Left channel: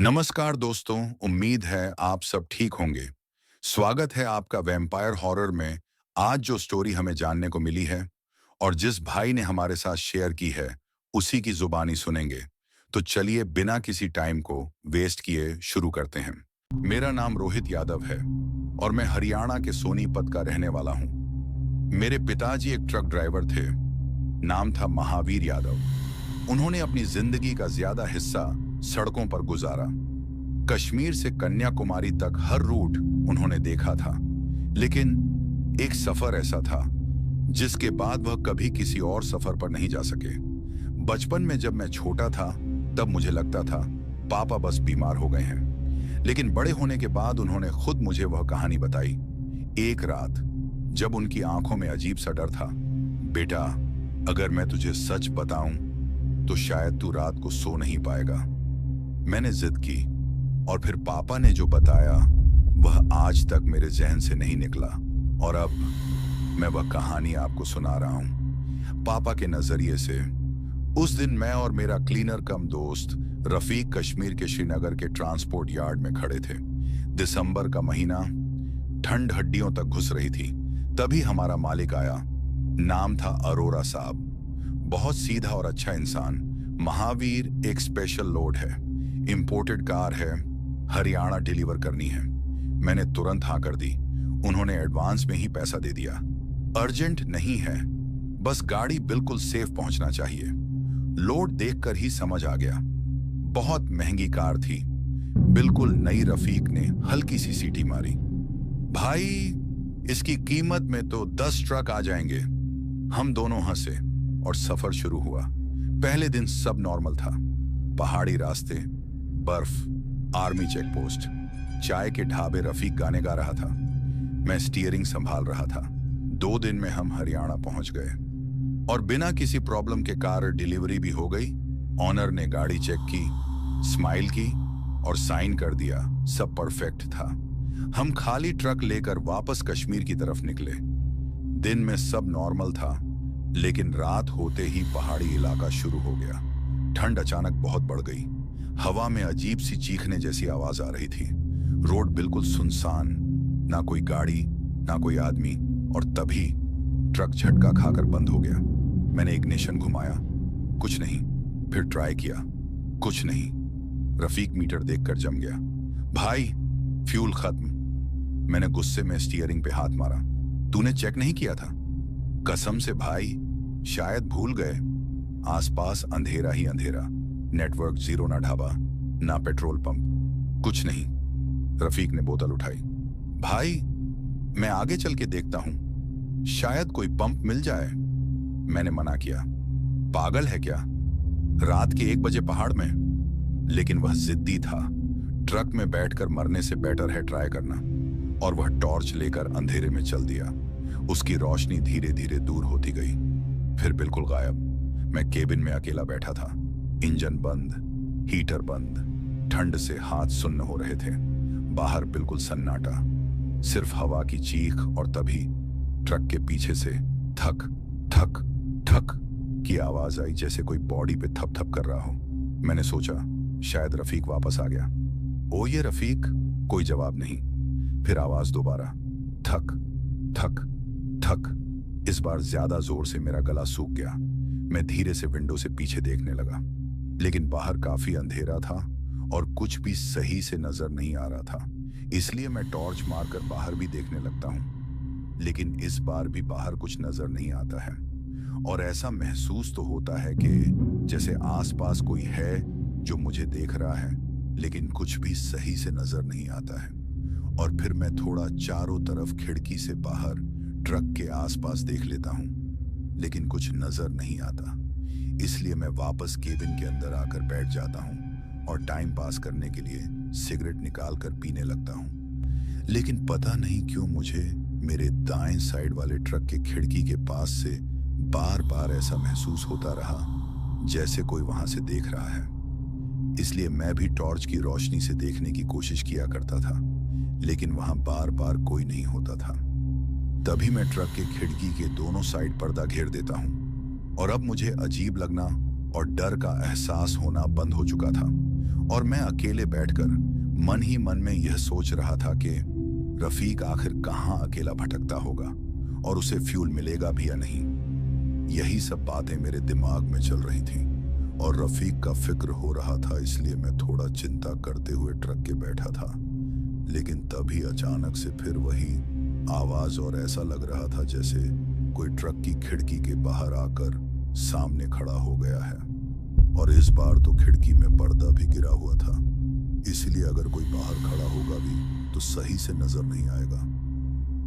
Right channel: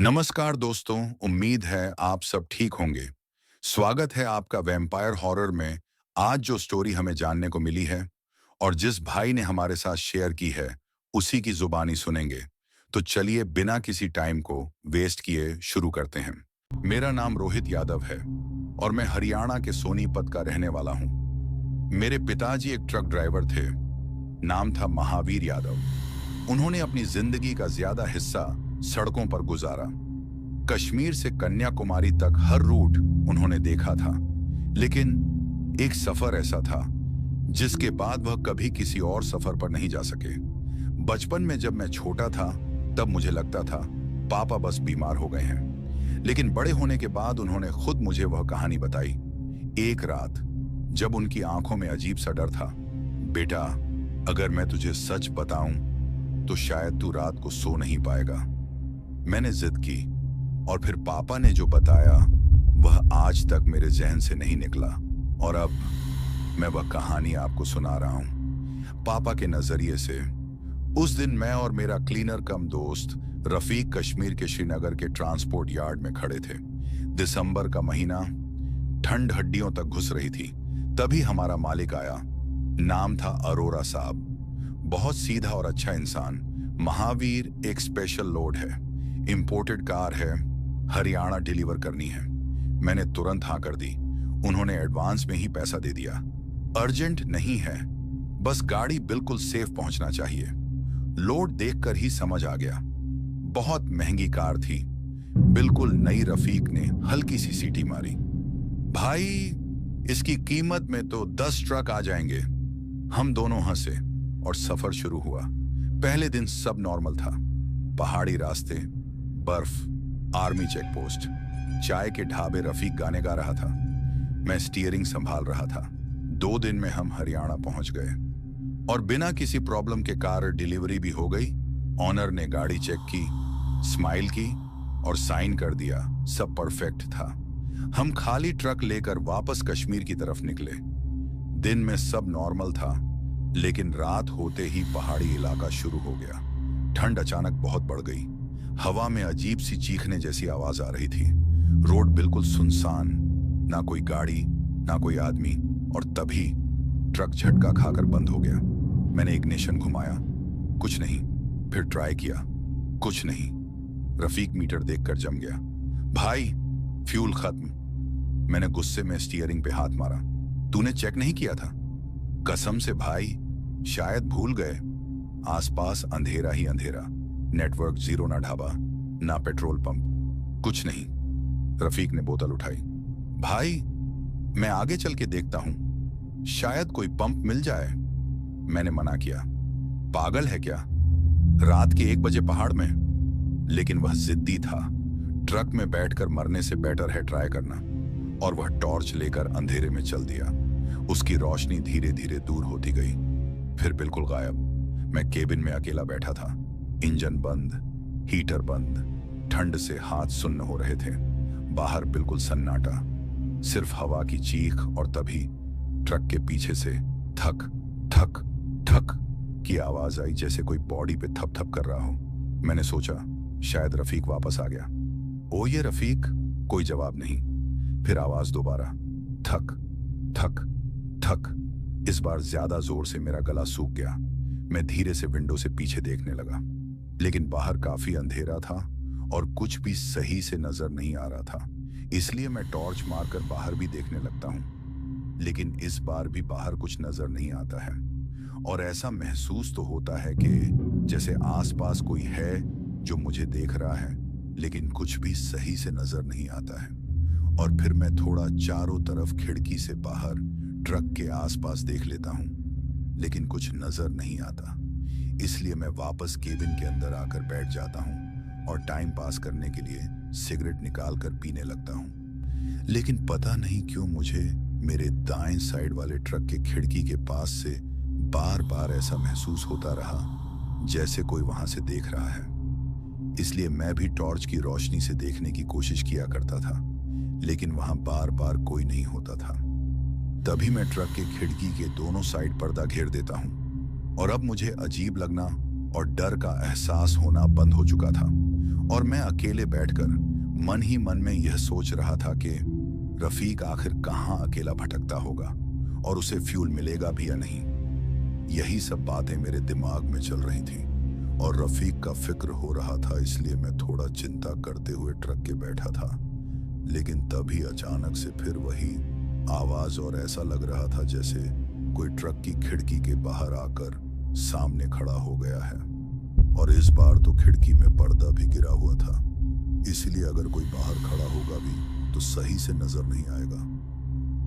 नमस्कार दोस्तों, उम्मीद है आप सब ठीक होंगे। स्वागत है आपका वैम्पायर हॉरर में। आज जो स्टोरी हमें जानने को मिली है और जिस भाई ने हमारे साथ शेयर की है, उसी की जुबानी सुनेंगे। तो चलिए बिना किसी टाइम को वेस्ट किए शुरू करते हैं। मेरा नाम रोहित यादव है और मैं हरियाणा के सोनीपत का रहने वाला हूँ। मेरे पिताजी एक ट्रक ड्राइवर थे। नाम था महावीर यादव। उन्होंने अपनी जिंदगी का ज्यादा हिस्सा सड़कों पर गुजारा। कश्मीर से कन्याकुमारी तक हर रूट उन्होंने देखा था, लेकिन एक सफर ऐसा था जिसके बाद वह कभी किसी और सफर पर नहीं जा सके। बचपन में जब मैं छोटा था तब मुझे लगता था पापा बस बीमार हो गए हैं, लेकिन बड़े होने के बाद उन्होंने खुद मुझे वह कहानी बताई। एक रात जब उनकी आंखों में अजीब सा डर था, बेटा अगर मैं तुझे सच बताऊं तो शायद तू रात को सो नहीं पाएगा। मैंने जिद की और फिर पापा ने जो बताया वह आज तक मेरे जहन से नहीं निकला, और अब मैं वह कहानी आपको सुना रहा हूं पापा के नजरिए से। उस दिन मैं और मेरा क्लीनर कम दोस्त रफीक कश्मीर के श्रीनगर के ट्रांसपोर्ट यार्ड में खड़े थे। दिसंबर का महीना, ठंड हड्डियों तक घुस रही थी। तभी हमारा मालिक आया। नाम था अरोरा साहब। बहुत सीधा और अच्छा इंसान। महावीर एक स्पेशल लोड है, इंपोर्टेड कार है, हरियाणा डिलीवर करनी है। मैंने तुरंत हाँ कर दी। उन्होंने एडवांस में ही पैसा दे दिया। अर्जेंट नहीं है, बस गाड़ी बिल्कुल सेफ पहुंचना चाहिए। लोड देखकर ही समझ आ गया। बहुत महंगी कार थी, बिल्कुल नई। रफीक ने हल्की सी सीटी मारी। भाई इसकी कीमत में तो 10 ट्रक आ जाएंगे। हम दोनों हंसे और सफर शुरू हुआ। पहले दिन सब नॉर्मल था। पहाड़ी रास्ते, बर्फ, आर्मी चेक पोस्ट, चाय के ढाबे। रफीक गाने गा रहा था, मैं स्टीयरिंग संभाल रहा था। 2 दिन में हम हरियाणा पहुंच गए और बिना किसी प्रॉब्लम के कार डिलीवरी भी हो गई। ऑनर ने गाड़ी चेक की, स्माइल की और साइन कर दिया। सब परफेक्ट था। हम खाली ट्रक लेकर वापस कश्मीर की तरफ निकले। दिन में सब नॉर्मल था, लेकिन रात होते ही पहाड़ी इलाका शुरू हो गया। ठंड अचानक बहुत बढ़ गई। हवा में अजीब सी चीखने जैसी आवाज आ रही थी। रोड बिल्कुल सुनसान, ना कोई गाड़ी ना कोई आदमी। और तभी ट्रक झटका खाकर बंद हो गया। मैंने इग्निशन घुमाया, कुछ नहीं। फिर ट्राई किया, कुछ नहीं। रफीक मीटर देखकर जम गया। भाई फ्यूल खत्म। मैंने गुस्से में स्टीयरिंग पे हाथ मारा। तूने चेक नहीं किया था? कसम से भाई, शायद भूल गए। आसपास अंधेरा ही अंधेरा। नेटवर्क जीरो, ना ढाबा ना पेट्रोल पंप, कुछ नहीं। रफीक ने बोतल उठाई। भाई मैं आगे चल के देखता हूं, शायद कोई पंप मिल जाए। मैंने मना किया। पागल है क्या, रात के 1 बजे पहाड़ में? लेकिन वह जिद्दी था। ट्रक में बैठकर मरने से बेटर है ट्राई करना। और वह टॉर्च लेकर अंधेरे में चल दिया। उसकी रोशनी धीरे धीरे दूर होती गई, फिर बिल्कुल गायब। मैं केबिन में अकेला बैठा था। इंजन बंद, हीटर बंद। ठंड से हाथ सुन्न हो रहे थे। बाहर बिल्कुल सन्नाटा, सिर्फ हवा की चीख। और तभी ट्रक के पीछे से थक थक थक की आवाज आई, जैसे कोई बॉडी पे थप थप कर रहा हो। मैंने सोचा शायद रफीक वापस आ गया। ओ ये रफीक। कोई जवाब नहीं। फिर आवाज दोबारा, थक थक थक। इस बार ज्यादा जोर से मेरा गला सूख गया। मैं धीरे से विंडो से पीछे देखने लगा, लेकिन बाहर काफी अंधेरा था और कुछ भी सही से नजर नहीं आ रहा था। इसलिए मैं टॉर्च मारकर बाहर भी देखने लगता हूं, लेकिन इस बार भी बाहर कुछ नजर नहीं आता है। और ऐसा महसूस तो होता है कि जैसे आसपास कोई है जो मुझे देख रहा है, लेकिन कुछ भी सही से नजर नहीं आता है। और फिर मैं थोड़ा चारों तरफ खिड़की से बाहर ट्रक के आसपास देख लेता हूं, लेकिन कुछ नजर नहीं आता। इसलिए मैं वापस केबिन के अंदर आकर बैठ जाता हूं और टाइम पास करने के लिए सिगरेट निकाल कर पीने लगता हूं। लेकिन पता नहीं क्यों मुझे मेरे दाएं साइड वाले ट्रक के खिड़की के पास से बार बार ऐसा महसूस होता रहा जैसे कोई वहां से देख रहा है। इसलिए मैं भी टॉर्च की रोशनी से देखने की कोशिश किया करता था, लेकिन वहां बार बार कोई नहीं होता था। तभी मैं ट्रक के खिड़की के दोनों साइड पर्दा घेर देता हूं और अब मुझे अजीब लगना और डर का एहसास होना बंद हो चुका था। और मैं अकेले बैठकर मन ही मन में यह सोच रहा था कि रफीक आखिर कहाँ अकेला भटकता होगा और उसे फ्यूल मिलेगा भी या नहीं। यही सब बातें मेरे दिमाग में चल रही थीं और रफीक का फिक्र हो रहा था, इसलिए मैं थोड़ा चिंता करते हुए ट्रक के बैठा था। लेकिन तभी अचानक से फिर वही आवाज और ऐसा लग रहा था जैसे कोई ट्रक की खिड़की के बाहर आकर सामने खड़ा हो गया है। और इस बार तो खिड़की में पर्दा भी गिरा हुआ था, इसलिए अगर कोई बाहर खड़ा होगा भी तो सही से नजर नहीं आएगा।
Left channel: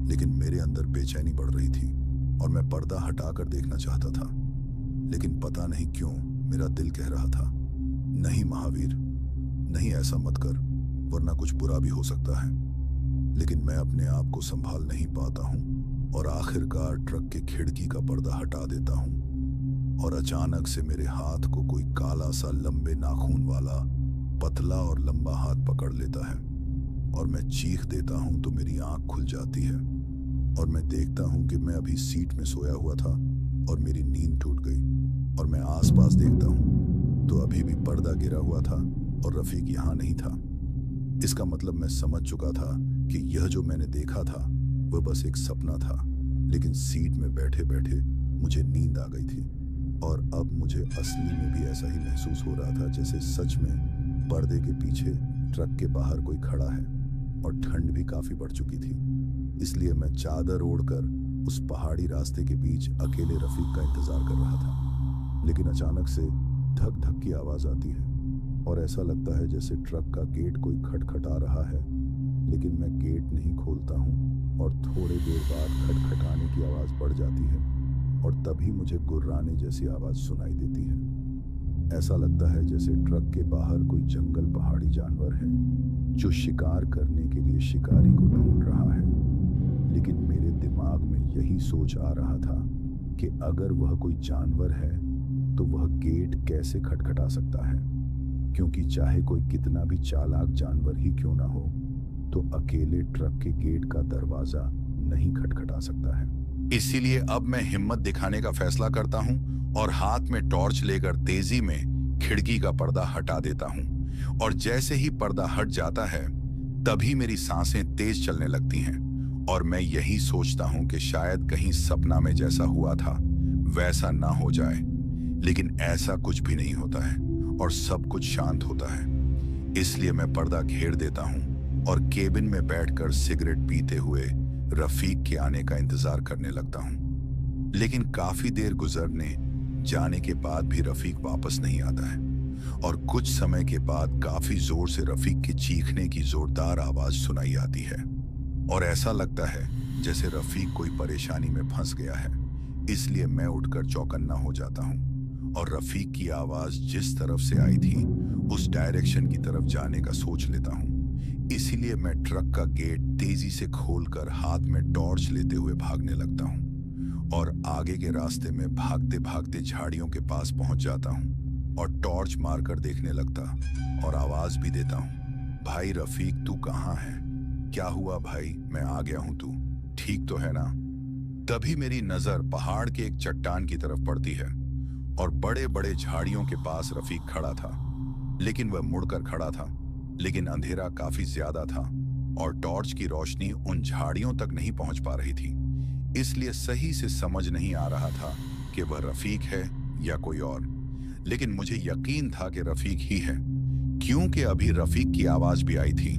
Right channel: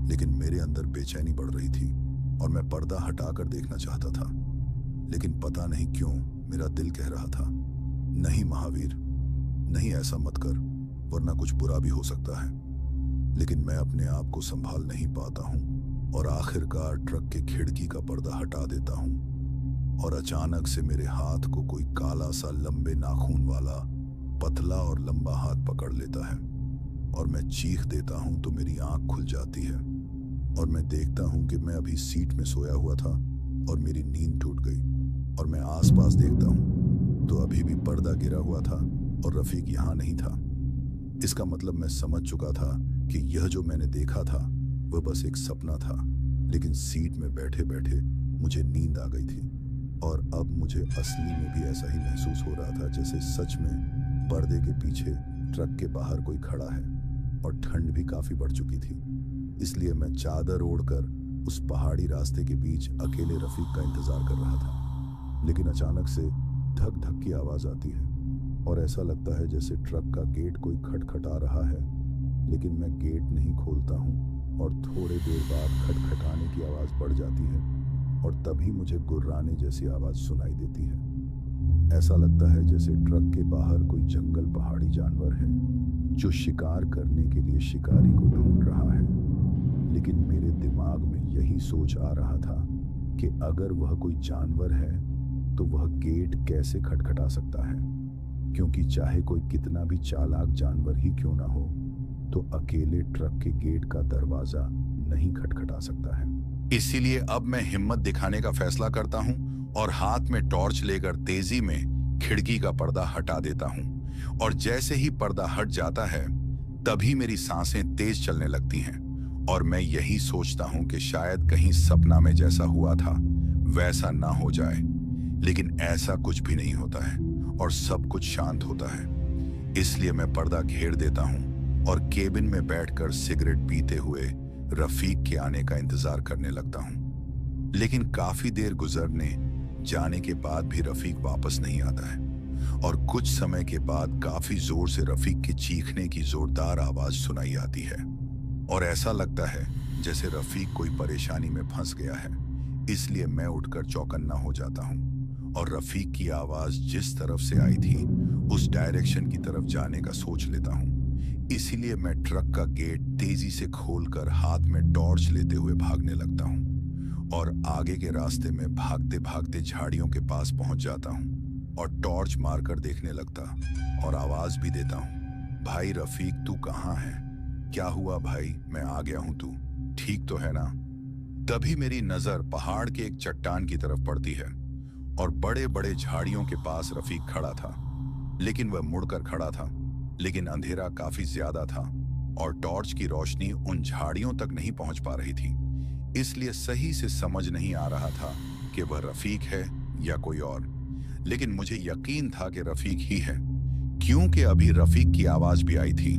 लेकिन मेरे अंदर बेचैनी बढ़ रही थी और मैं पर्दा हटाकर देखना चाहता था, लेकिन पता नहीं क्यों मेरा दिल कह रहा था, नहीं महावीर, नहीं, ऐसा मत कर, वरना कुछ बुरा भी हो सकता है। लेकिन मैं अपने आप को संभाल नहीं पाता हूँ और आखिरकार ट्रक के खिड़की का पर्दा हटा देता हूँ और अचानक से मेरे हाथ को कोई काला सा लंबे नाखून वाला पतला और लंबा हाथ पकड़ लेता है और मैं चीख देता हूँ तो मेरी आंख खुल जाती है और मैं देखता हूँ कि मैं अभी सीट में सोया हुआ था और मेरी नींद टूट गई। और मैं आसपास देखता हूँ तो अभी भी पर्दा गिरा हुआ था और रफीक यहाँ नहीं था। इसका मतलब मैं समझ चुका था कि यह जो मैंने देखा था वह बस एक सपना था। लेकिन सीट में बैठे बैठे मुझे नींद आ गई थी और अब मुझे असली में भी ऐसा ही महसूस हो रहा था जैसे सच में पर्दे के पीछे ट्रक के बाहर कोई खड़ा है। और ठंड भी काफी बढ़ चुकी थी, इसलिए मैं चादर ओढ़कर उस पहाड़ी रास्ते के बीच अकेले रफीक का इंतजार कर रहा था। लेकिन अचानक से धक धक की आवाज आती है और ऐसा लगता है जैसे ट्रक का गेट कोई खटखटा रहा है। लेकिन मैं गेट नहीं खोलता हूँ और थोड़ी देर बाद खटखटाने की आवाज बढ़ जाती है और तभी मुझे गुर्राने जैसी आवाज सुनाई देती है। ऐसा लगता है जैसे ट्रक के बाहर कोई जंगल पहाड़ी जानवर है जो शिकार करने के लिए शिकारी को ढूंढ रहा है। लेकिन मेरे दिमाग में यही सोच आ रहा था कि अगर वह कोई जानवर है तो वह गेट कैसे खटखटा सकता है, क्योंकि चाहे कोई कितना भी चालाक जानवर ही क्यों ना हो तो अकेले ट्रक के गेट का दरवाजा नहीं खटखटा सकता है। इसीलिए अब मैं हिम्मत दिखाने का फैसला करता हूं और हाथ में टॉर्च लेकर तेजी में खिड़की का पर्दा हटा देता हूं। और जैसे ही पर्दा हट जाता है तभी मेरी सांसें तेज चलने लगती हैं और मैं यही सोचता हूं कि शायद कहीं सपना में जैसा हुआ था वैसा ना हो जाए। लेकिन ऐसा कुछ भी नहीं होता है और सब कुछ शांत होता है। इसलिए मैं पर्दा घेर देता हूं और केबिन में बैठकर सिगरेट पीते हुए रफीक के आने का इंतजार करने लगता हूं। लेकिन काफी देर गुजरने जाने के बाद भी रफीक वापस नहीं आता है और कुछ समय के बाद काफी जोर से रफीक के चीखने की जोरदार आवाज सुनाई आती है और ऐसा लगता है जैसे रफीक कोई परेशानी में फंस गया है। इसलिए मैं उठकर चौकन्ना हो जाता हूं और रफीक की आवाज जिस तरफ से आई थी उस डायरेक्शन की तरफ जाने का सोच लेता हूं। इसीलिए मैं ट्रक का गेट तेजी से खोलकर हाथ में टॉर्च लेते हुए भागने लगता हूं और आगे के रास्ते में भागते भागते झाड़ियों के पास पहुंच जाता हूं और टॉर्च मारकर देखने लगता और आवाज भी देता हूं, भाई रफीक, तू कहाँ है? क्या हुआ भाई? मैं आ गया हूं, तू ठीक तो है ना? तभी मेरी नजर पहाड़ के एक चट्टान की तरफ पड़ती है और बड़े बड़े झाड़ियों के पास रफीक खड़ा था। लेकिन वह मुड़कर खड़ा था, लेकिन अंधेरा काफी ज्यादा था और टॉर्च की रोशनी उन झाड़ियों तक नहीं पहुंच पा रही थी। इसलिए सही से समझ नहीं आ रहा था कि वह रफीक है या कोई और। लेकिन मुझे यकीन था कि रफीक ही है, क्योंकि अभी रफीक की आवाज भी आई थी।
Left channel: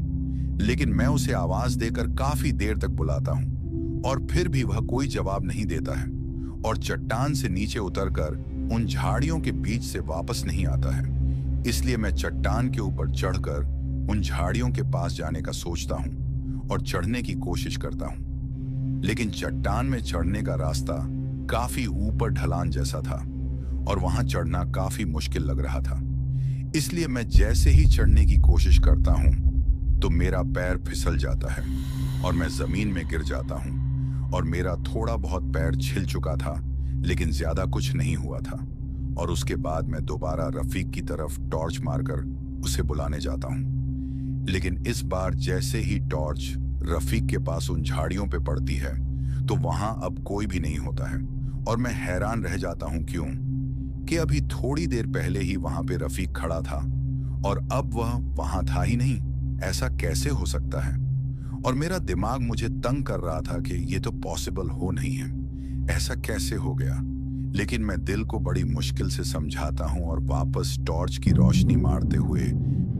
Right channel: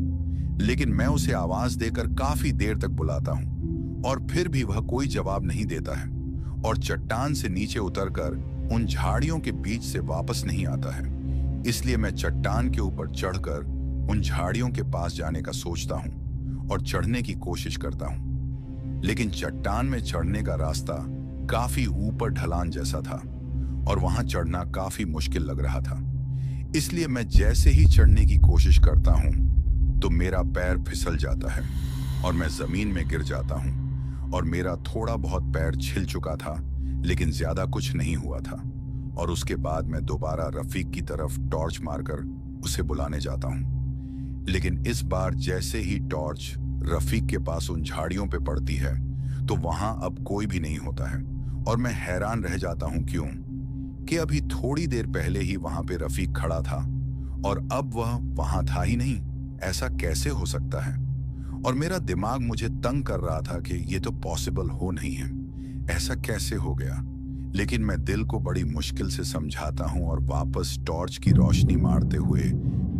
लेकिन मैं उसे आवाज देकर काफी देर तक बुलाता हूं और फिर भी वह कोई जवाब नहीं देता है और चट्टान से नीचे उतरकर उन झाड़ियों के बीच से वापस नहीं आता है। इसलिए मैं चट्टान के ऊपर चढ़कर उन झाड़ियों के पास जाने का सोचता हूं और चढ़ने की कोशिश करता हूं। लेकिन चट्टान में चढ़ने का रास्ता काफी ऊपर ढलान जैसा था और वहां चढ़ना काफी मुश्किल लग रहा था। इसलिए मैं जैसे ही चढ़ने की कोशिश करता हूं तो मेरा पैर फिसल जाता है और मैं जमीन में गिर जाता हूं और मेरा थोड़ा बहुत पैर छिल चुका था, लेकिन ज्यादा कुछ नहीं हुआ था। और उसके बाद मैं दोबारा रफीक की तरफ टॉर्च मारकर उसे बुलाने जाता हूं। लेकिन इस बार जैसे ही टॉर्च रफीक के पास उन झाड़ियों पे पड़ती है तो वहां अब कोई भी नहीं होता है और मैं हैरान रह जाता हूं क्यों कि अभी थोड़ी देर पहले ही वहां पे रफीक खड़ा था और अब वह वहां था ही नहीं। ऐसा कैसे हो सकता है? और मेरा दिमाग मुझे तंग कर रहा था कि ये तो पॉसिबल हो नहीं है, ऐसा कैसे हो गया। लेकिन मैं दिल को बड़ी मुश्किल से समझाता हूं और वापस टॉर्च की रोशनी मारते हुए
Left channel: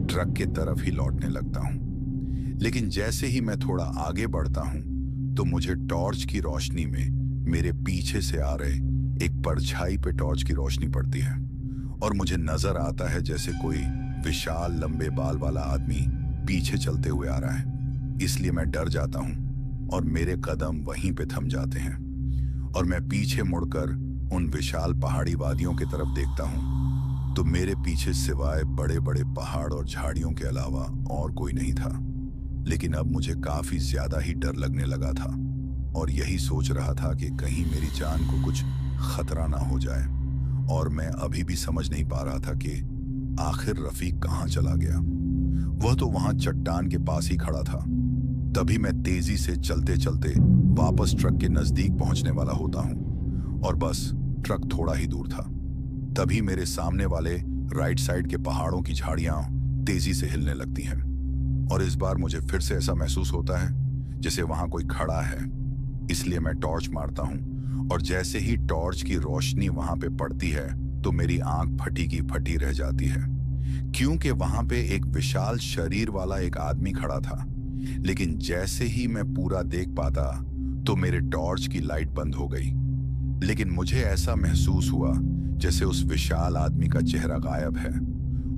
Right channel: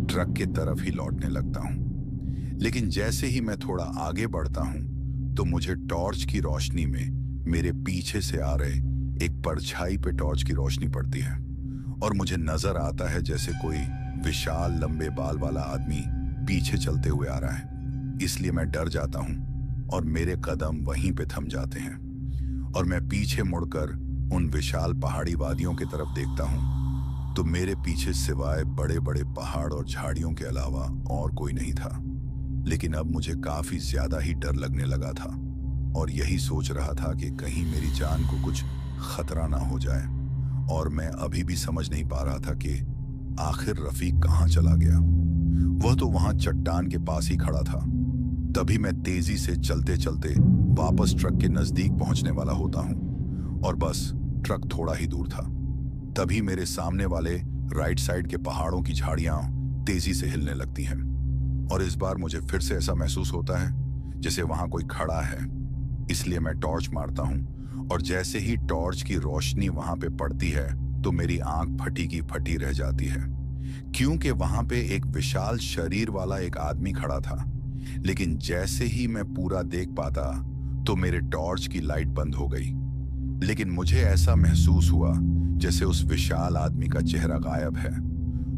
ट्रक की तरफ ही लौटने लगता हूं। लेकिन जैसे ही मैं थोड़ा आगे बढ़ता हूं तो मुझे टॉर्च की रोशनी में मेरे पीछे से आ रहे एक परछाई पे टॉर्च की रोशनी पड़ती है और मुझे नजर आता है जैसे कोई विशाल लंबे बाल वाला आदमी पीछे चलते हुए आ रहा है। इसलिए मैं डर जाता हूं और मेरे कदम वहीं पे थम जाते हैं और मैं पीछे मुड़कर उन विशाल पहाड़ी वादियों की तरफ देखता हूं तो मेरे पीछे सिवाय बड़े बड़े पहाड़ और झाड़ियों के अलावा और कोई नहीं था। लेकिन अब मुझे काफी ज्यादा ही डर लगने लगा था और यही सोच रहा था कि कहीं मेरी जान को कुछ खतरा ना हो जाए। और मैं अभी भी समझ नहीं पा रहा था कि आखिर रफीक कहाँ चला गया। वह तो वहां चट्टान के पास ही खड़ा था। तभी मैं तेजी से चलते चलते वापस ट्रक के नजदीक पहुंचने वाला होता हूं और बस ट्रक थोड़ा ही दूर था। तभी मेरे सामने वाले राइट साइड के पहाड़ों की झाड़ियां तेजी से हिलने लगती हैं और इस बार मुझे फिर से ऐसा महसूस होता है जैसे वहां कोई खड़ा है। इसलिए मैं टॉर्च मारता हूं और जैसे ही टॉर्च की रोशनी वहां पे पड़ती है तो मेरी आंख फटी की फटी रह जाती है, क्योंकि वहां पे एक विशाल शरीर वाला एक आदमी खड़ा था। लेकिन जैसे ही मैं पूरा देख पाता तो मेरे टॉर्च की लाइट बंद हो गई। लेकिन मुझे ऐसा महसूस हुआ जैसे उस विशाल आदमी का चेहरा गायब है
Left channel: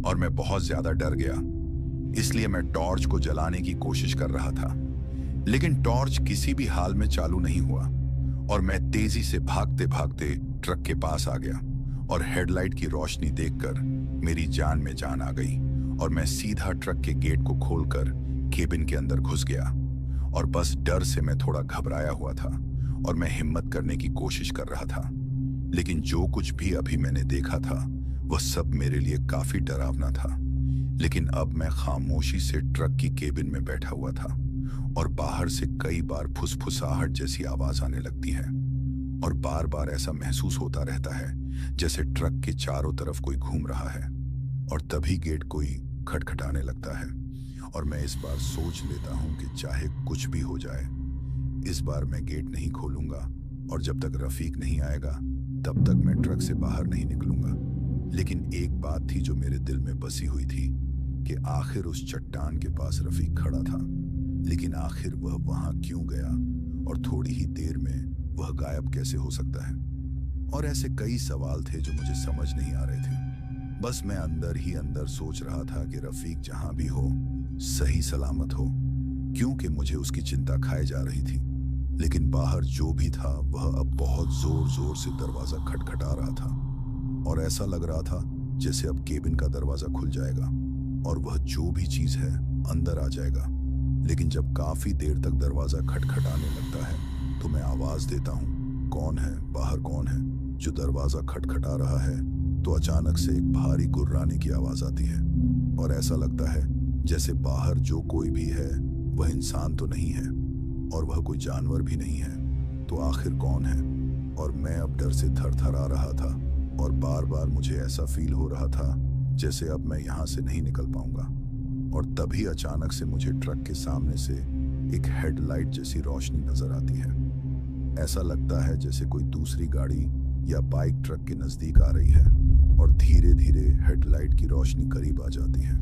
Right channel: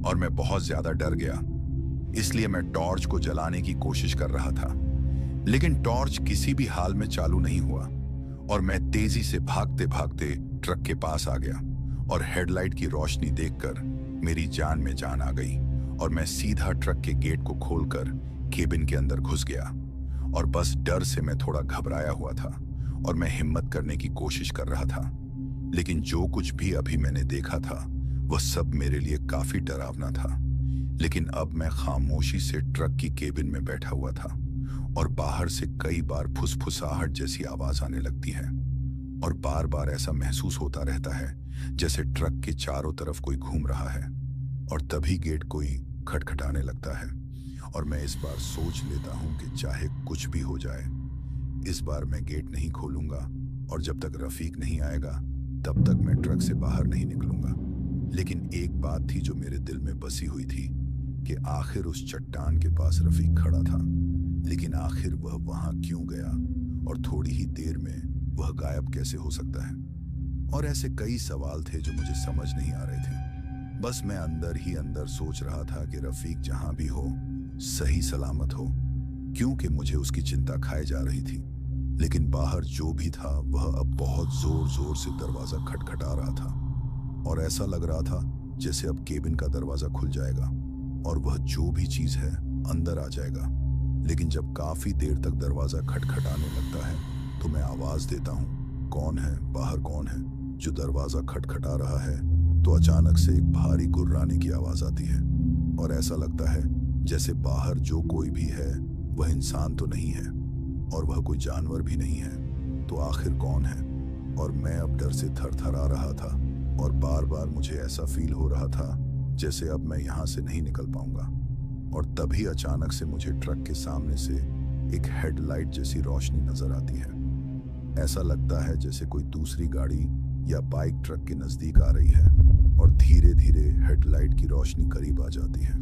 और मैं बहुत ज्यादा डर गया। इसलिए मैं टॉर्च को जलाने की कोशिश कर रहा था, लेकिन टॉर्च किसी भी हाल में चालू नहीं हुआ और मैं तेजी से भागते भागते ट्रक के पास आ गया और हेडलाइट की रोशनी देखकर मेरी जान में जान आ गई और मैं सीधा ट्रक के गेट को खोलकर केबिन के अंदर घुस गया। और बस डर से मैं थोड़ा घबराया हुआ था और मैं हिम्मत करने की कोशिश कर रहा था। लेकिन जो कुछ भी अभी मैंने देखा था वह सब मेरे लिए काफी डरावना था। लेकिन अब मैं खामोशी से ट्रक की केबिन में बैठा हुआ था और बाहर से कई बार फुसफुसाहट जैसी आवाज आने लगती है और बार बार ऐसा महसूस होता रहता है जैसे ट्रक के चारों तरफ कोई घूम रहा है। और तभी गेट कोई खटखटाने लगता है और मैं इस बार सोच लेता हूं कि चाहे कुछ भी हो जाए, इस बार मैं गेट नहीं खोलूंगा और जब तक रफीक नहीं आएगा तब तक मैं ट्रक से बाहर नहीं निकलूंगा। लेकिन एक बात थी जो मेरे दिल में बसी हुई थी कि आखिर उस चट्टान के पास रफीक खड़ा था, लेकिन आखिर वह वहां क्यों गया और थोड़ी ही देर में वह गायब कैसे हो सकता है। और ऐसे कई सवाल थे जो मुझे समझ नहीं आ रहे थे। बस मैं अंदर ही अंदर सोच रहा था कि रफीक जहां भी हो सही सलामत हो, क्योंकि मुझे उसकी चिंता खाए जा रही थी। लेकिन बाहर जो भी था वह अब बहुत जोर जोर से दरवाजा खटखटा रहा था और ऐसा लग रहा था जैसे अब केबिन का दरवाजा खुल जाएगा और वह जो भी चीज है अंदर आ जाएगा। लेकिन जब काफी देर तक दरवाजा खटखटाने लगता है तो मैं आवाज देता हूँ, कौन है, बाहर कौन है जो दरवाजा खटखटा रहा है। तो अचानक से एक भारी गुर्राने की आवाज आती है और ऐसा लगता है जैसे बाहर जो कोई भी है वह इंसान तो नहीं है और वह कोई जानवर भी नहीं है। तो आखिर कौन है? और मैं अब डर से थरथरा रहा था और बार बार मुझे ऐसा फील हो रहा था जैसे अब मैं यहाँ से नहीं निकल पाऊंगा। और तभी अचानक से मुझे ट्रक के सामने से एक हेडलाइट जैसी रोशनी नजर आती है। ऐसा लगता है जैसे कोई दूसरी गाड़ी या बाइक ट्रक के नजदीक आ रही है और धीरे धीरे हेडलाइट की रोशनी करीब आ जाती है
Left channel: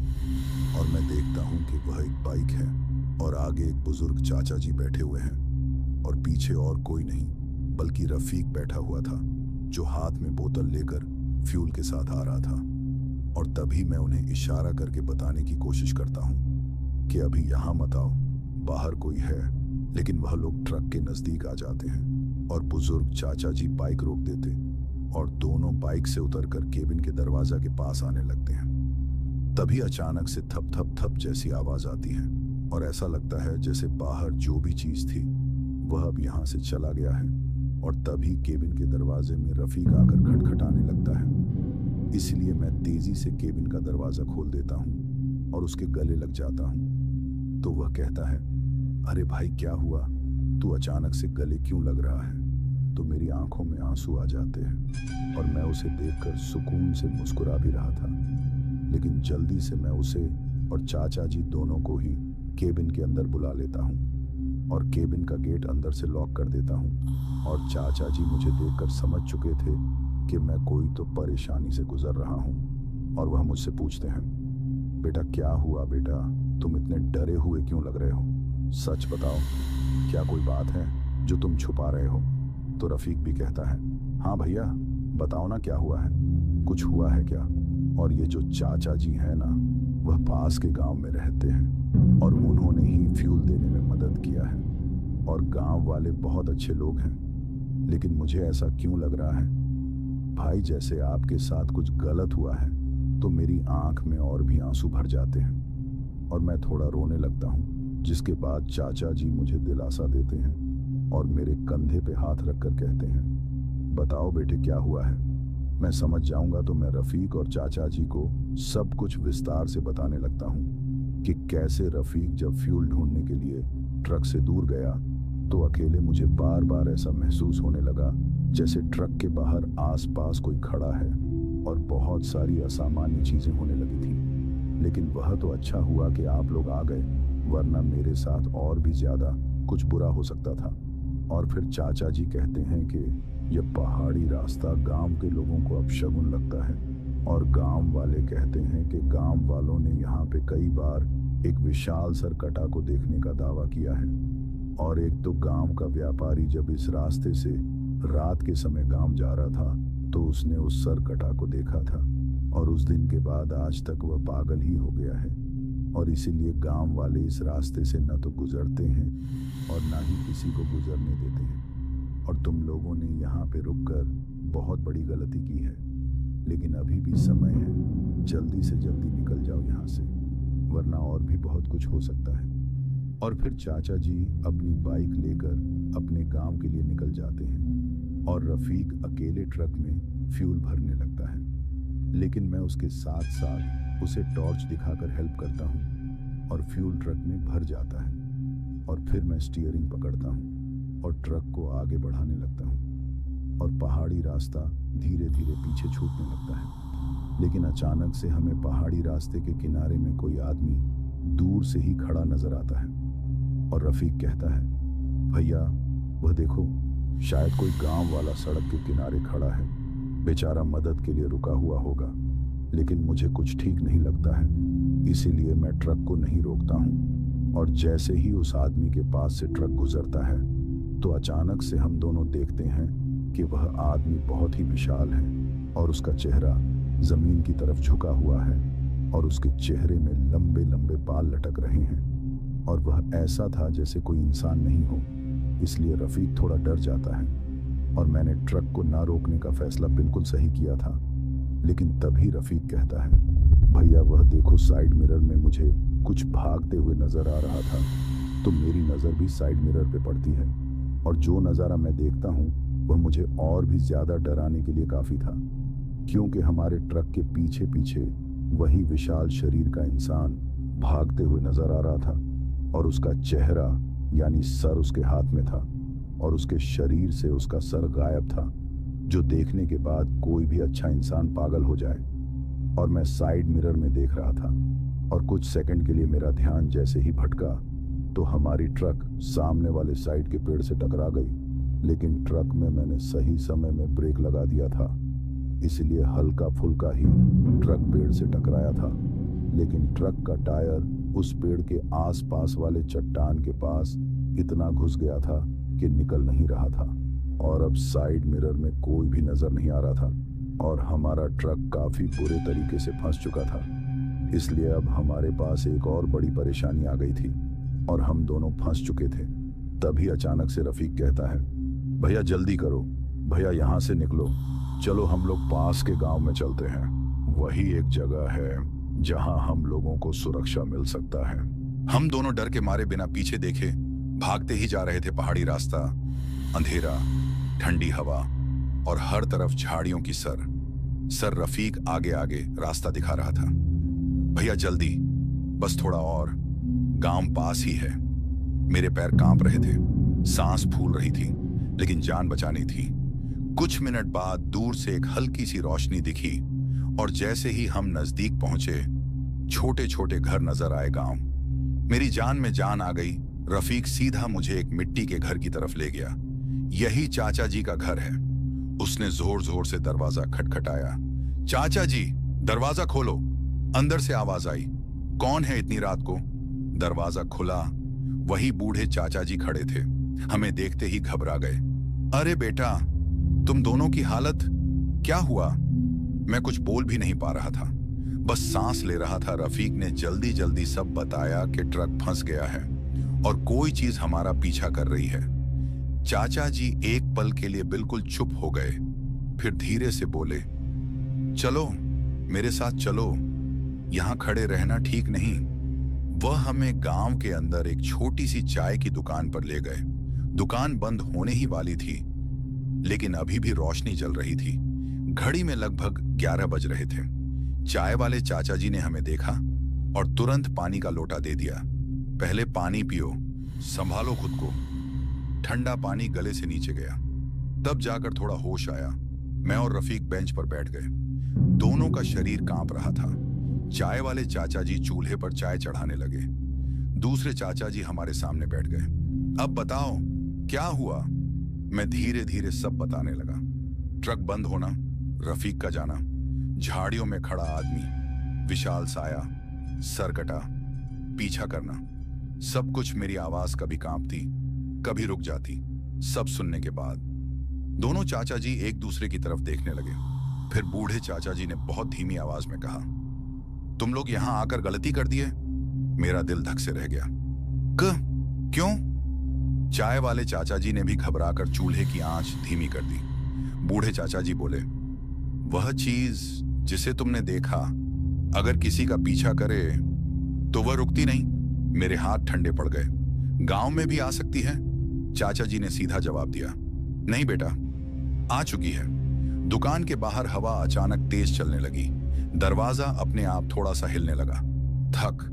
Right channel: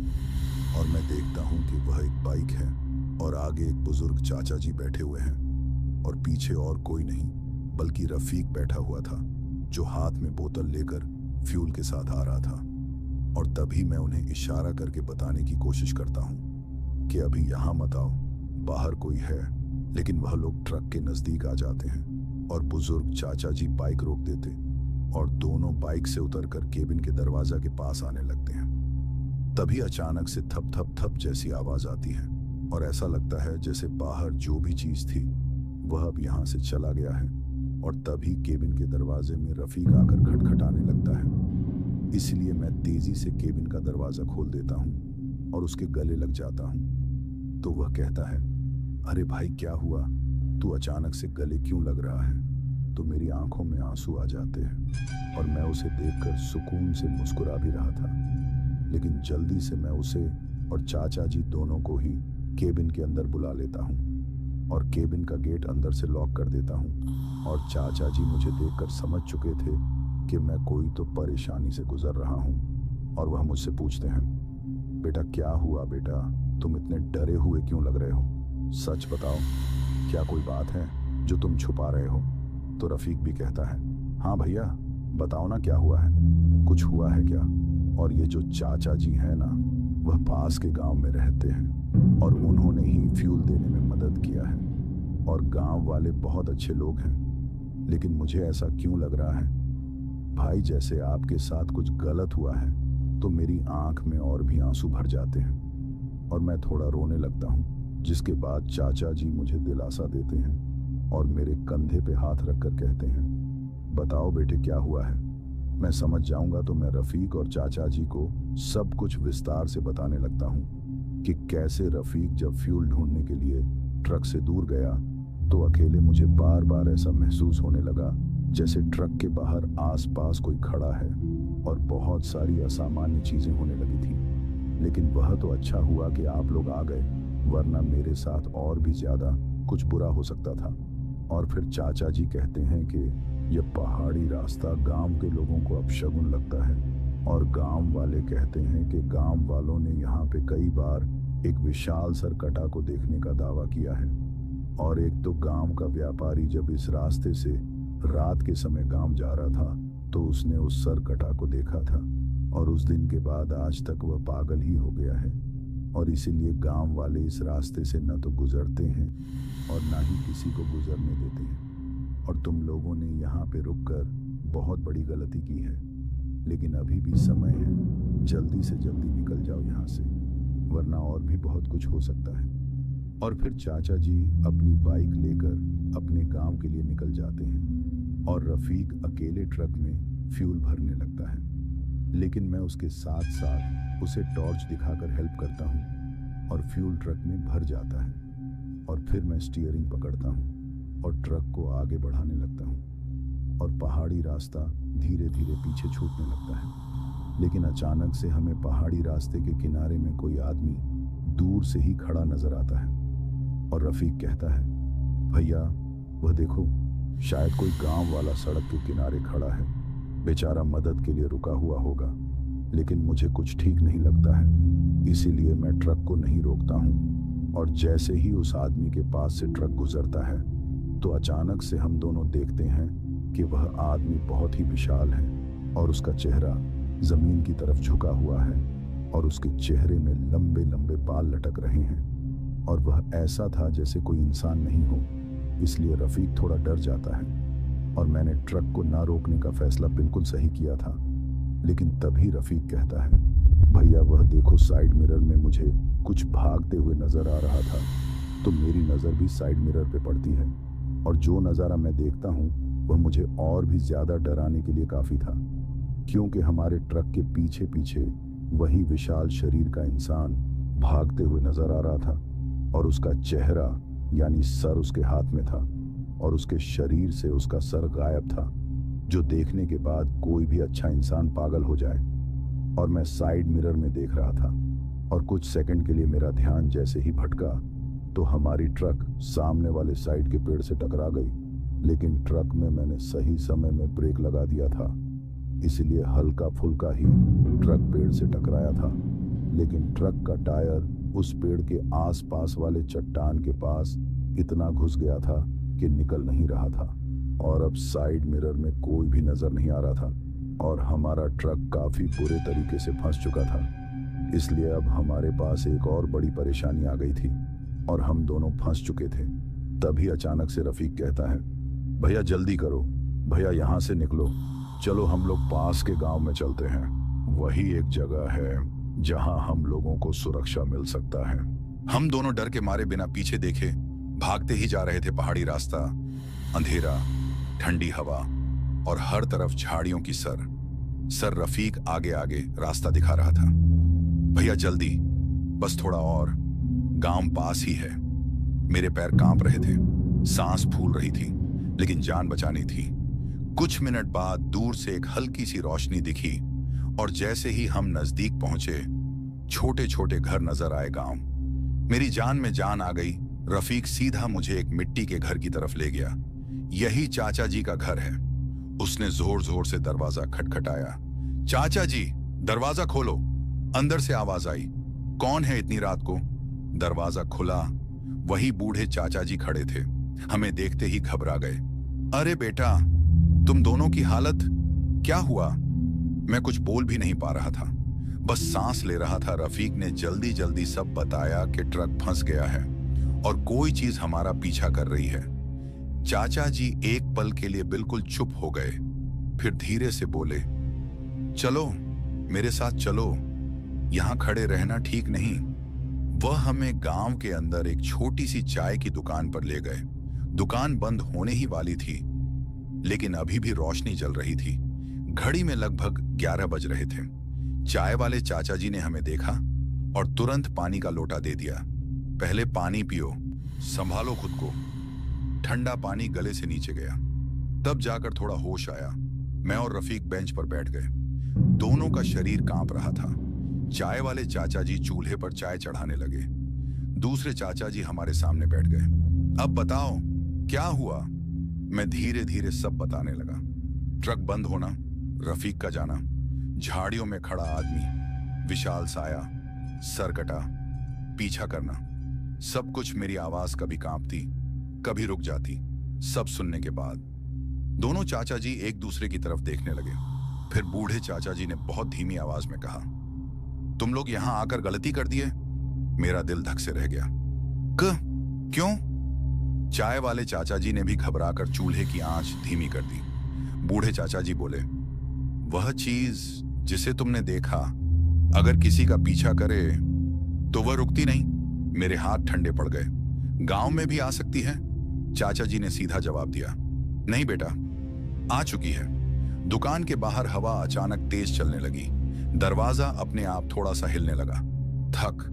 और मैं देखता हूँ कि वह एक बाइक है और आगे एक बुजुर्ग चाचा जी बैठे हुए हैं और पीछे और कोई नहीं बल्कि रफीक बैठा हुआ था जो हाथ में बोतल लेकर फ्यूल के साथ आ रहा था। और तभी मैं उन्हें इशारा करके बताने की कोशिश करता हूँ कि अभी यहाँ मत आओ, बाहर कोई है। लेकिन वह लोग ट्रक के नजदीक आ जाते हैं और बुजुर्ग चाचा जी बाइक रोक देते और दोनों बाइक से उतरकर केबिन के दरवाजा के पास आने लगते हैं। तभी अचानक से थप थप थप जैसी आवाज आती है और ऐसा लगता है जैसे बाहर जो भी चीज थी वह अब यहाँ से चला गया है। और तभी केबिन के दरवाजे में रफीक आकर खटखटाने लगता है। इसलिए मैं तेजी से केबिन का दरवाजा खोल देता हूँ और उसके गले लग जाता हूँ। तो वह कहता है, अरे भाई क्या हुआ, तू अचानक से गले क्यों लग रहा है? तो मेरी आंखों में आंसू आ जाते हैं और मैं उसे देखकर सुकून से मुस्कुरा भी रहा था। लेकिन जल्दी से मैं उसे और चाचा जी दोनों को ही केबिन के अंदर बुला लेता हूँ और केबिन का गेट अंदर से लॉक कर देता हूँ। और चाचा जी मुझे देखकर समझ चुके थे कि मैं कोई तो परेशानी से गुजर रहा हूँ और वह मुझसे पूछते हैं, बेटा क्या हुआ बेटा, तुम इतने डरे हुए क्यों लग रहे हो, सच बताओ, क्या कोई बात है जो तुम छुपा रहे हो। तो रफीक भी कहता है, हाँ भैया बताओ ना क्या हुआ है, कुछ हुआ है क्या। और ये जो चाचा जी हैं ना, वह पास के गांव में रहते हैं और उन्होंने ही फ्यूल देने में मदद किया है और गांव वाले बहुत अच्छे लोग हैं। लेकिन मुझे ऐसा क्यों लग रहा है भाई जैसे आपके साथ कुछ गलत हुआ है, तो मेरी आंख में और भी आंसू भर जाते हैं और मैं थोड़ा रोने लगता हूँ। जिसके बाद चाचा जी मुझे दिलासा देते हैं और मेरे कंधे पे हाथ रखकर कहते हैं, बताओ बेटे क्या हुआ है। मैं समझ जाऊंगा तो मैं रफीक और चाचा जी को सब कुछ विस्तार से बताने लगता हूँ कि कैसे रफीक जब फ्यूल ढूंढने के लिए ट्रक से दूर गया तो अकेले मुझे बार बार ऐसा महसूस होने लगा जैसे ट्रक के बाहर आसपास कोई खड़ा है और बहुत सारी असामान्य चीजें होने लगी थी। लेकिन वह तो अच्छा हुआ कि आप लोग आ गए, वरना मेरे साथ और भी ज्यादा कुछ बुरा हो सकता था। और फिर चाचा जी कहते हैं कि यह पहाड़ी रास्ता गांव के लोगों को अपशगुन लगता है और गांव वाले कहते हैं कि गांव वालों ने यहाँ पे कई बार एक विशाल सरकटा को देखने का दावा किया है। और एक तो गांव का व्यापारी जब इस रास्ते से रात के समय गांव जा रहा था तो उसने उस सरकटा को देखा था और उस दिन के बाद आज तक वह पागल ही हो गया है और इसीलिए गांव वाले इस रास्ते से न तो गुजरते हैं और ना ही किसी को गुजरने देते हैं। और तुम लोगों ने यहाँ पे रुककर बहुत बड़ी गलती की है, लेकिन अभी भी समय है, जल्दी से जल्दी निकल जाओ यहाँ से, वरना और भी बहुत कुछ हो सकता है। और फिर चाचा जी अपनी बाइक लेकर अपने गांव के लिए निकल जाते हैं और रफीक अकेले ट्रक में फ्यूल भरने लगता है। लेकिन मैं उसके साथ साथ उसे टॉर्च दिखाकर हेल्प करता हूँ और फ्यूल ट्रक में भर जाता है। और फिर मैं स्टीयरिंग पकड़ता हूँ और ट्रक को आगे बढ़ाने लगता हूँ और पहाड़ी रास्ता धीरे धीरे पीछे छूटने लगता है। लेकिन अचानक से हमें पहाड़ी रास्ते के किनारे में कोई आदमी दूर से ही खड़ा नजर आता है और रफीक कहता है, भैया वह देखो, शायद कोई गांव वाला सड़क के किनारे खड़ा है, बेचारा मदद के लिए रुका हुआ होगा। लेकिन मुझे कुछ ठीक नहीं लगता है, इसीलिए मैं ट्रक को नहीं रोकता हूँ। और जैसे ही उस आदमी के पास से ट्रक गुजरता है तो अचानक से हम दोनों देखते हैं कि वह आदमी बहुत ही विशाल है और उसका चेहरा जमीन की तरफ झुका हुआ है और उसके चेहरे में लंबे लंबे बाल लटक रहे हैं और वह ऐसा था जैसे कोई इंसान नहीं हो। इसलिए रफीक थोड़ा डर जाता है और मैंने ट्रक को ना रोकने का फैसला बिल्कुल सही किया था। लेकिन तभी रफीक कहता है, भैया वह देखो, साइड मिरर में मुझे कुछ भागते हुए नजर आ रहा था। तो मेरी नजर भी साइड मिरर पे पड़ती है और जो नज़ारा मैं देखता हूँ वह मुझे और भी ज्यादा डराने के लिए काफी था, क्योंकि हमारे ट्रक के पीछे पीछे वही विशाल शरीर का इंसान भागते हुए नजर आ रहा था और उसका चेहरा यानी सर उसके हाथ में था और उसके शरीर से उसका सर गायब था, जो देखने के बाद कोई भी अच्छा इंसान पागल हो जाए। और मैं साइड मिरर में देख रहा था और कुछ सेकंड के लिए मेरा ध्यान जैसे ही भटका तो हमारी ट्रक सामने वाले साइड के पेड़ से टकरा गई। लेकिन ट्रक में मैंने सही समय में ब्रेक लगा दिया था, इसलिए हल्का फुल्का ही ट्रक पेड़ से टकराया था। लेकिन ट्रक का टायर उस पेड़ के आसपास वाले चट्टान के पास इतना घुस गया था कि निकल नहीं रहा था और अब साइड मिरर में कोई भी नजर नहीं आ रहा था और हमारा ट्रक काफी बुरे तरीके से फंस चुका था। इसलिए अब हमारे पास एक और बड़ी परेशानी आ गई थी और हम दोनों फंस चुके थे। तभी अचानक से रफीक कहता है, भैया जल्दी करो, भैया यहाँ से निकलो, चलो हम लोग पास के गांव में चलते हैं, वही एक जगह है जहां हम लोगों को सुरक्षा मिल सकता है। हम दोनों डर के मारे बिना पीछे देखे भागते ही जा रहे थे। पहाड़ी रास्ता, अंधेरा, ठंडी हवा और हर तरफ झाड़ियों की सर रफीक आगे आगे रास्ता दिखा रहा था। भैया जल्दी, बस थोड़ा और, गांव पास ही है। मेरे पैर कांप रहे थे, सांस फूल रही थी, लेकिन जान बचानी थी। कुछ मिनट बाद दूर से एक हल्की सी रोशनी दिखी और जैसे ही हम नजदीक पहुंचे, छोटे छोटे घर नजर आए गांव। मेरी जान में जान आ गई। रफीक सीधा मुझे एक मिट्टी के घर की तरफ ले गया। यही चाचा जी का घर है। उसने जोर जोर से दरवाजा खटखटाया। चाचा जी, दरवाजा खोलो। अंदर से आवाज आई, कौन है इतनी रात को? दरवाजा खुला। वही बूढ़े चाचा जी खड़े थे। हमें देखते ही घबरा गए। अरे बेटा, तुम दोनों की हालत क्या हुआ? मैं कुछ बोल भी नहीं पा रहा था, बस सांस ले रहा था। रफीक ने जल्दी जल्दी सब बताया कि ट्रक फंस गया है और कोई चीज हमारा पीछा कर रही है। चाचा जी एक पल के लिए बिल्कुल चुप हो गए, फिर धीरे से बोले, चलो मेरे साथ चलो, यहां खड़े रहना ठीक नहीं। वह हमें गांव के अंदर एक छोटी सी चाय की दुकान पर ले गए। दुकान बंद होने ही वाली थी, लेकिन अभी भी रोशनी जल रही थी। घड़ी में लगभग 11 बज रहे थे। चाय वाले चाचा जी ने हमें देखा और तुरंत पानी का लोटा दे दिया। पहले पानी पियो, संभालो खुद को। ठंडा पानी गले से नीचे गया, तब जाकर थोड़ा होश आया। मैं और रफीक बेंच पर बैठ गए। दोनों का शरीर कांप रहा था। चाय वाले चाचा जी चूल्हे पर चाय चढ़ाने लगे। दूसरे चाचा जी हमारे सामने बैठ गए। अब बताओ क्या हुआ? मैं धीरे धीरे सब बताने लगा। ट्रक बंद होना, रफीक का जाना, झाड़ियों में खड़ा आदमी, विशाल साया, सर कटा, पीछा करना, सब कुछ। मेरी आवाज कभी कांपती, कभी रुक जाती। सब सुनने के बाद दोनों चाचा जी एक दूसरे की तरफ देखने लगे। फिर बूढ़े चाचा जी ने बहुत धीमी आवाज में कहा, तुम लोग यहां आकर गलती कर दिए। मेरा दिल धक से रह गया। क्यों? चाय वाले चाचा जी ने भी घबराकर चूल्हे की आंच धीमी कर दी। बूढ़े चाचा जी बोले, वह चीज जिसे तुमने देखा, अगर किसी का पीछा करे तो वह रुकती नहीं। मेरे हाथ ठंडे पड़ गए। गांव में भी आ सकती है? चाचा जी ने सीधा जवाब दिया, नहीं बेटा, आ चुकी है। दुकान के बाहर हवा अचानक तेज चलने लगी। दरवाजा अपने आप थोड़ा सा हिलने लगा। थक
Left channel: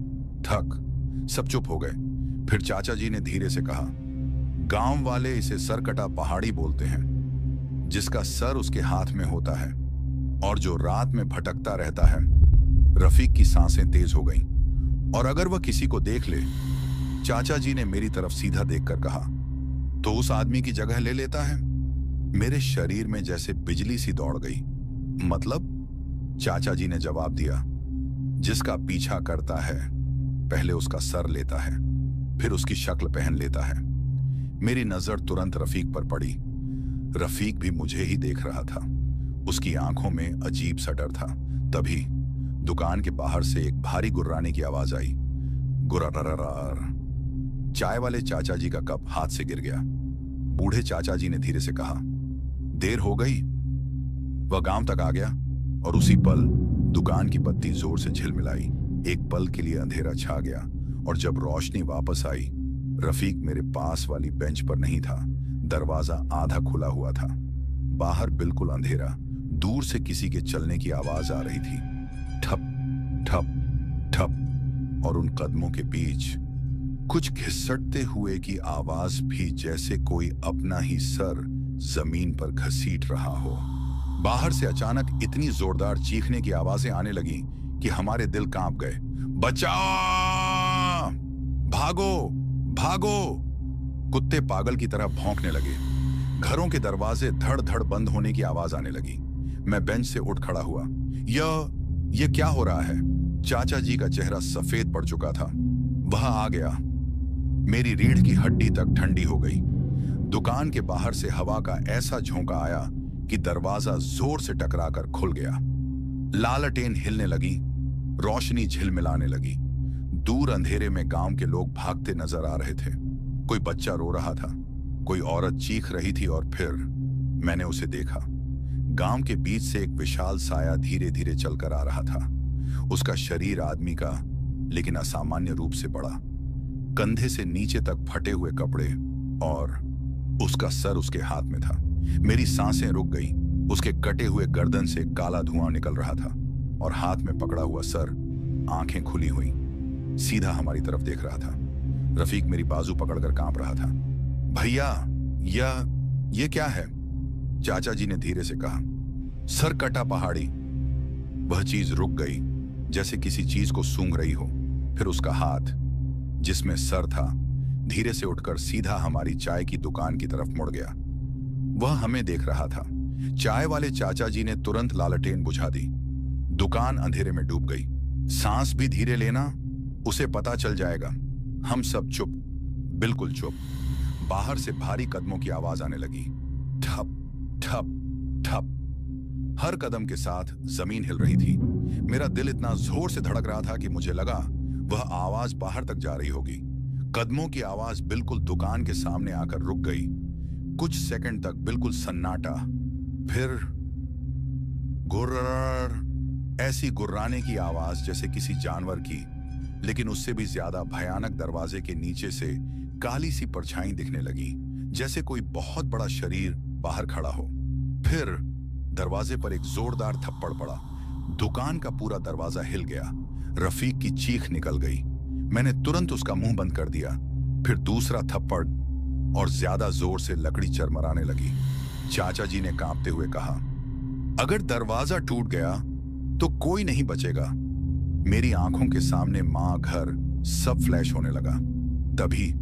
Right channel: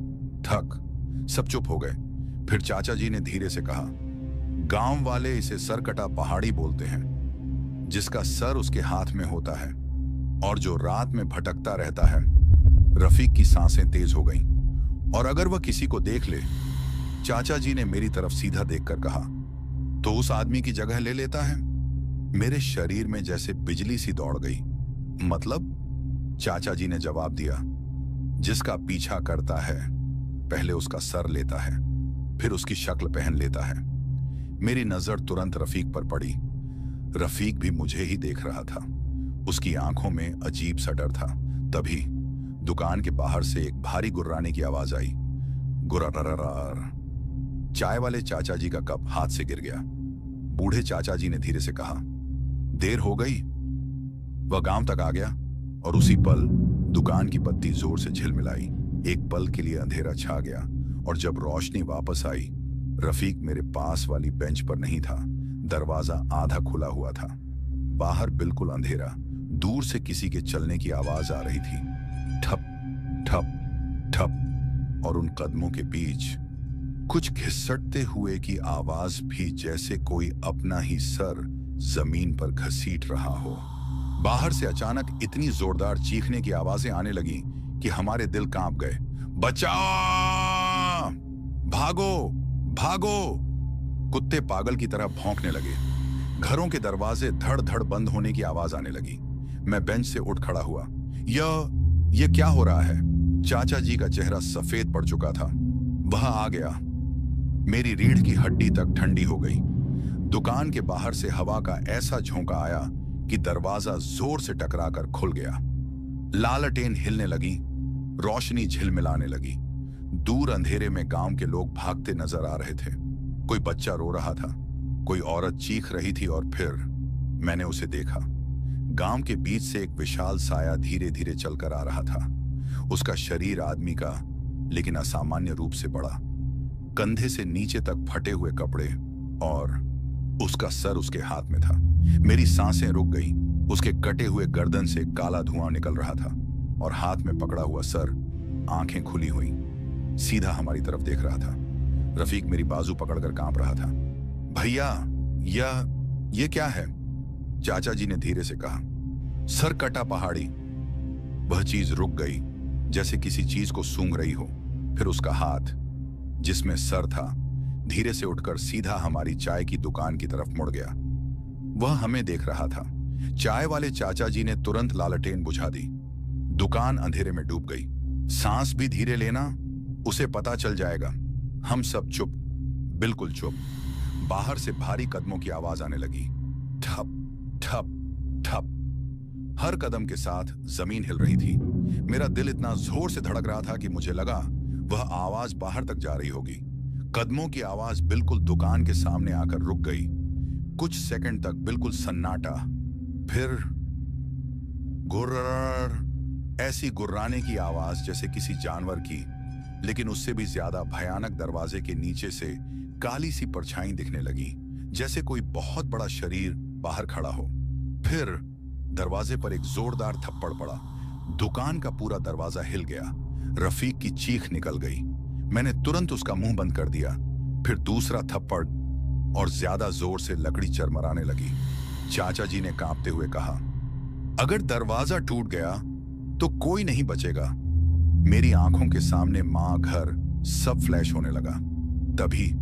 थक सब चुप हो गए। फिर चाचा जी ने धीरे से कहा, गांव वाले इसे सरकटा पहाड़ी बोलते हैं, जिसका सर उसके हाथ में होता है और जो रात में भटकता रहता है। रफीक की सांसें तेज हो गईं। और अगर वह किसी को देख ले, चाचा जी ने मेरी तरफ सीधा देखकर कहा, तो उस आदमी की जगह ले लेता है। मेरे शरीर में जैसे बिजली सी दौड़ गई। मतलब? चाचा जी ने जवाब दिया, जिसका पीछा करता है पहले उसका सर लेता है, फिर उसकी शक्ल पहन लेता है। मेरी नजर तुरंत रफीक पर पड़ी। रफीक भी मुझे ही देख रहा था। उसकी आंखों में अजीब सा डर था। तभी दुकान के बाहर से एक भारी गुर्राने की आवाज आई। गुर्रारार। चाय वाले चाचा जी का कप हाथ से गिर गया। बूढ़े चाचा जी ने धीरे से कहा, देर हो गई। वह गांव तक आ गया और उसी पल दुकान की बत्ती जोर से झिलमिलाई। एक पल के लिए अंधेरा छा गया और जब रोशनी वापस आई, रफीक मेरे पास वाली बेंच पर नहीं था। दरवाजा आधा खुला हुआ था। बाहर बिल्कुल अंधेरा। दूर से किसी के चलने की आवाज आ रही थी, ठप ठप ठप। और उन कदमों के बीच कुछ घिसटते हुए की आवाज भी, जैसे कोई अपना ही सर जमीन पर घसीट रहा हो। बाहर से अचानक इतनी जोरदार चीखने की आवाजें आने लगी कि हमारे दिल कांप गए। बचाओ! भागो भागो! कुत्ते पागल की तरह भौंकने लगे। घरों के दरवाजे धड़ धड़ बंद होने की आवाज आने लगी। मैं बेंच से उठ खड़ा हुआ। यह क्या हो रहा है? चाचा जी का चेहरा सफेद पड़ चुका था। वह आ गया। मेरी रीढ़ की हड्डी तक ठंडी हो गई। दुकान के बाहर से हवा का ऐसा झोंका आया कि दरवाजा जोर से टकराकर खुल गया। लालटेन हिलने लगी, रोशनी झिलमिलाने लगी। दूर अंधेरे में गांव के लोग भागते नजर आ रहे थे। कोई बच्चा रो रहा था, कोई औरत चीख रही थी और फिर मैंने उसे देखा। गांव के बीच से एक विशाल साया धीरे धीरे चलकर आ रहा था। उसका शरीर आदमी का, लेकिन असामान्य रूप से बड़ा। कंधे से नीचे तक फटे हुए कपड़े और उसका सर उसके हाथ में था। मेरी सांसें रुक गई। उसके कटे हुए गर्दन से काला धुआं निकल रहा था और हाथ में पकड़ा हुआ सर, आंखें खुली हुई, सीधा हमारी तरफ देख रहा था। रफीक मेरी बाजू पकड़कर कांप रहा था। भैया, ये क्या है? चाचा जी ने धीरे से कहा, सर कटा पहाड़ी। वह चीज रुक गई, जैसे किसी चीज को सूंघ रही हो। फिर उसका हाथ, जिसमें सर था, धीरे से उठकर सीधा हमारी चाय की दुकान की तरफ मुड़ गया। वह हमें देख रहा था। चाय वाले चाचा जी ने तुरंत लालटेन बुझा दी। दुकान अंधेरे में डूब गई। सांस भी धीरे लेना, उसे पता चल जाएगा। हम सब चुप, बिल्कुल चुप। बाहर से भारी कदमों की आवाज आने लगी। ठप ठप ठप। हर कदम के साथ जमीन हिल रही थी। मेरा दिल इतना जोर से धड़क रहा था कि मुझे लगा वह आवाज बाहर तक जा रही होगी। कदमों की आवाज बिल्कुल दुकान के सामने आकर रुक गई। कुछ सेकंड तक बिल्कुल सन्नाटा। फिर गुर्र, ऐसी गुर्राने की आवाज जैसे किसी जानवर की, लेकिन उससे भी ज्यादा भयानक। दरवाजे के नीचे से काली सी परछाई दिखने लगी, जैसे कोई बहुत बड़ा शरीर बाहर खड़ा हो। फिर दरवाजे पर एक जोरदार थप्पड़ पड़ा। दुकान का पूरा दरवाजा हिल गया। रफीक की चीख निकल गई। मैंने तुरंत उसका मुंह बंद कर दिया। फिर दूसरा थप्पड़, और ज्यादा जोर से लकड़ी चरमराने लगी। चाचा जी ने कांपते हुए कहा, अगर दरवाजा टूट गया तो कोई नहीं बचेगा। मेरी आंखों के सामने मां, घर सब फ्लैश होने लगा। तभी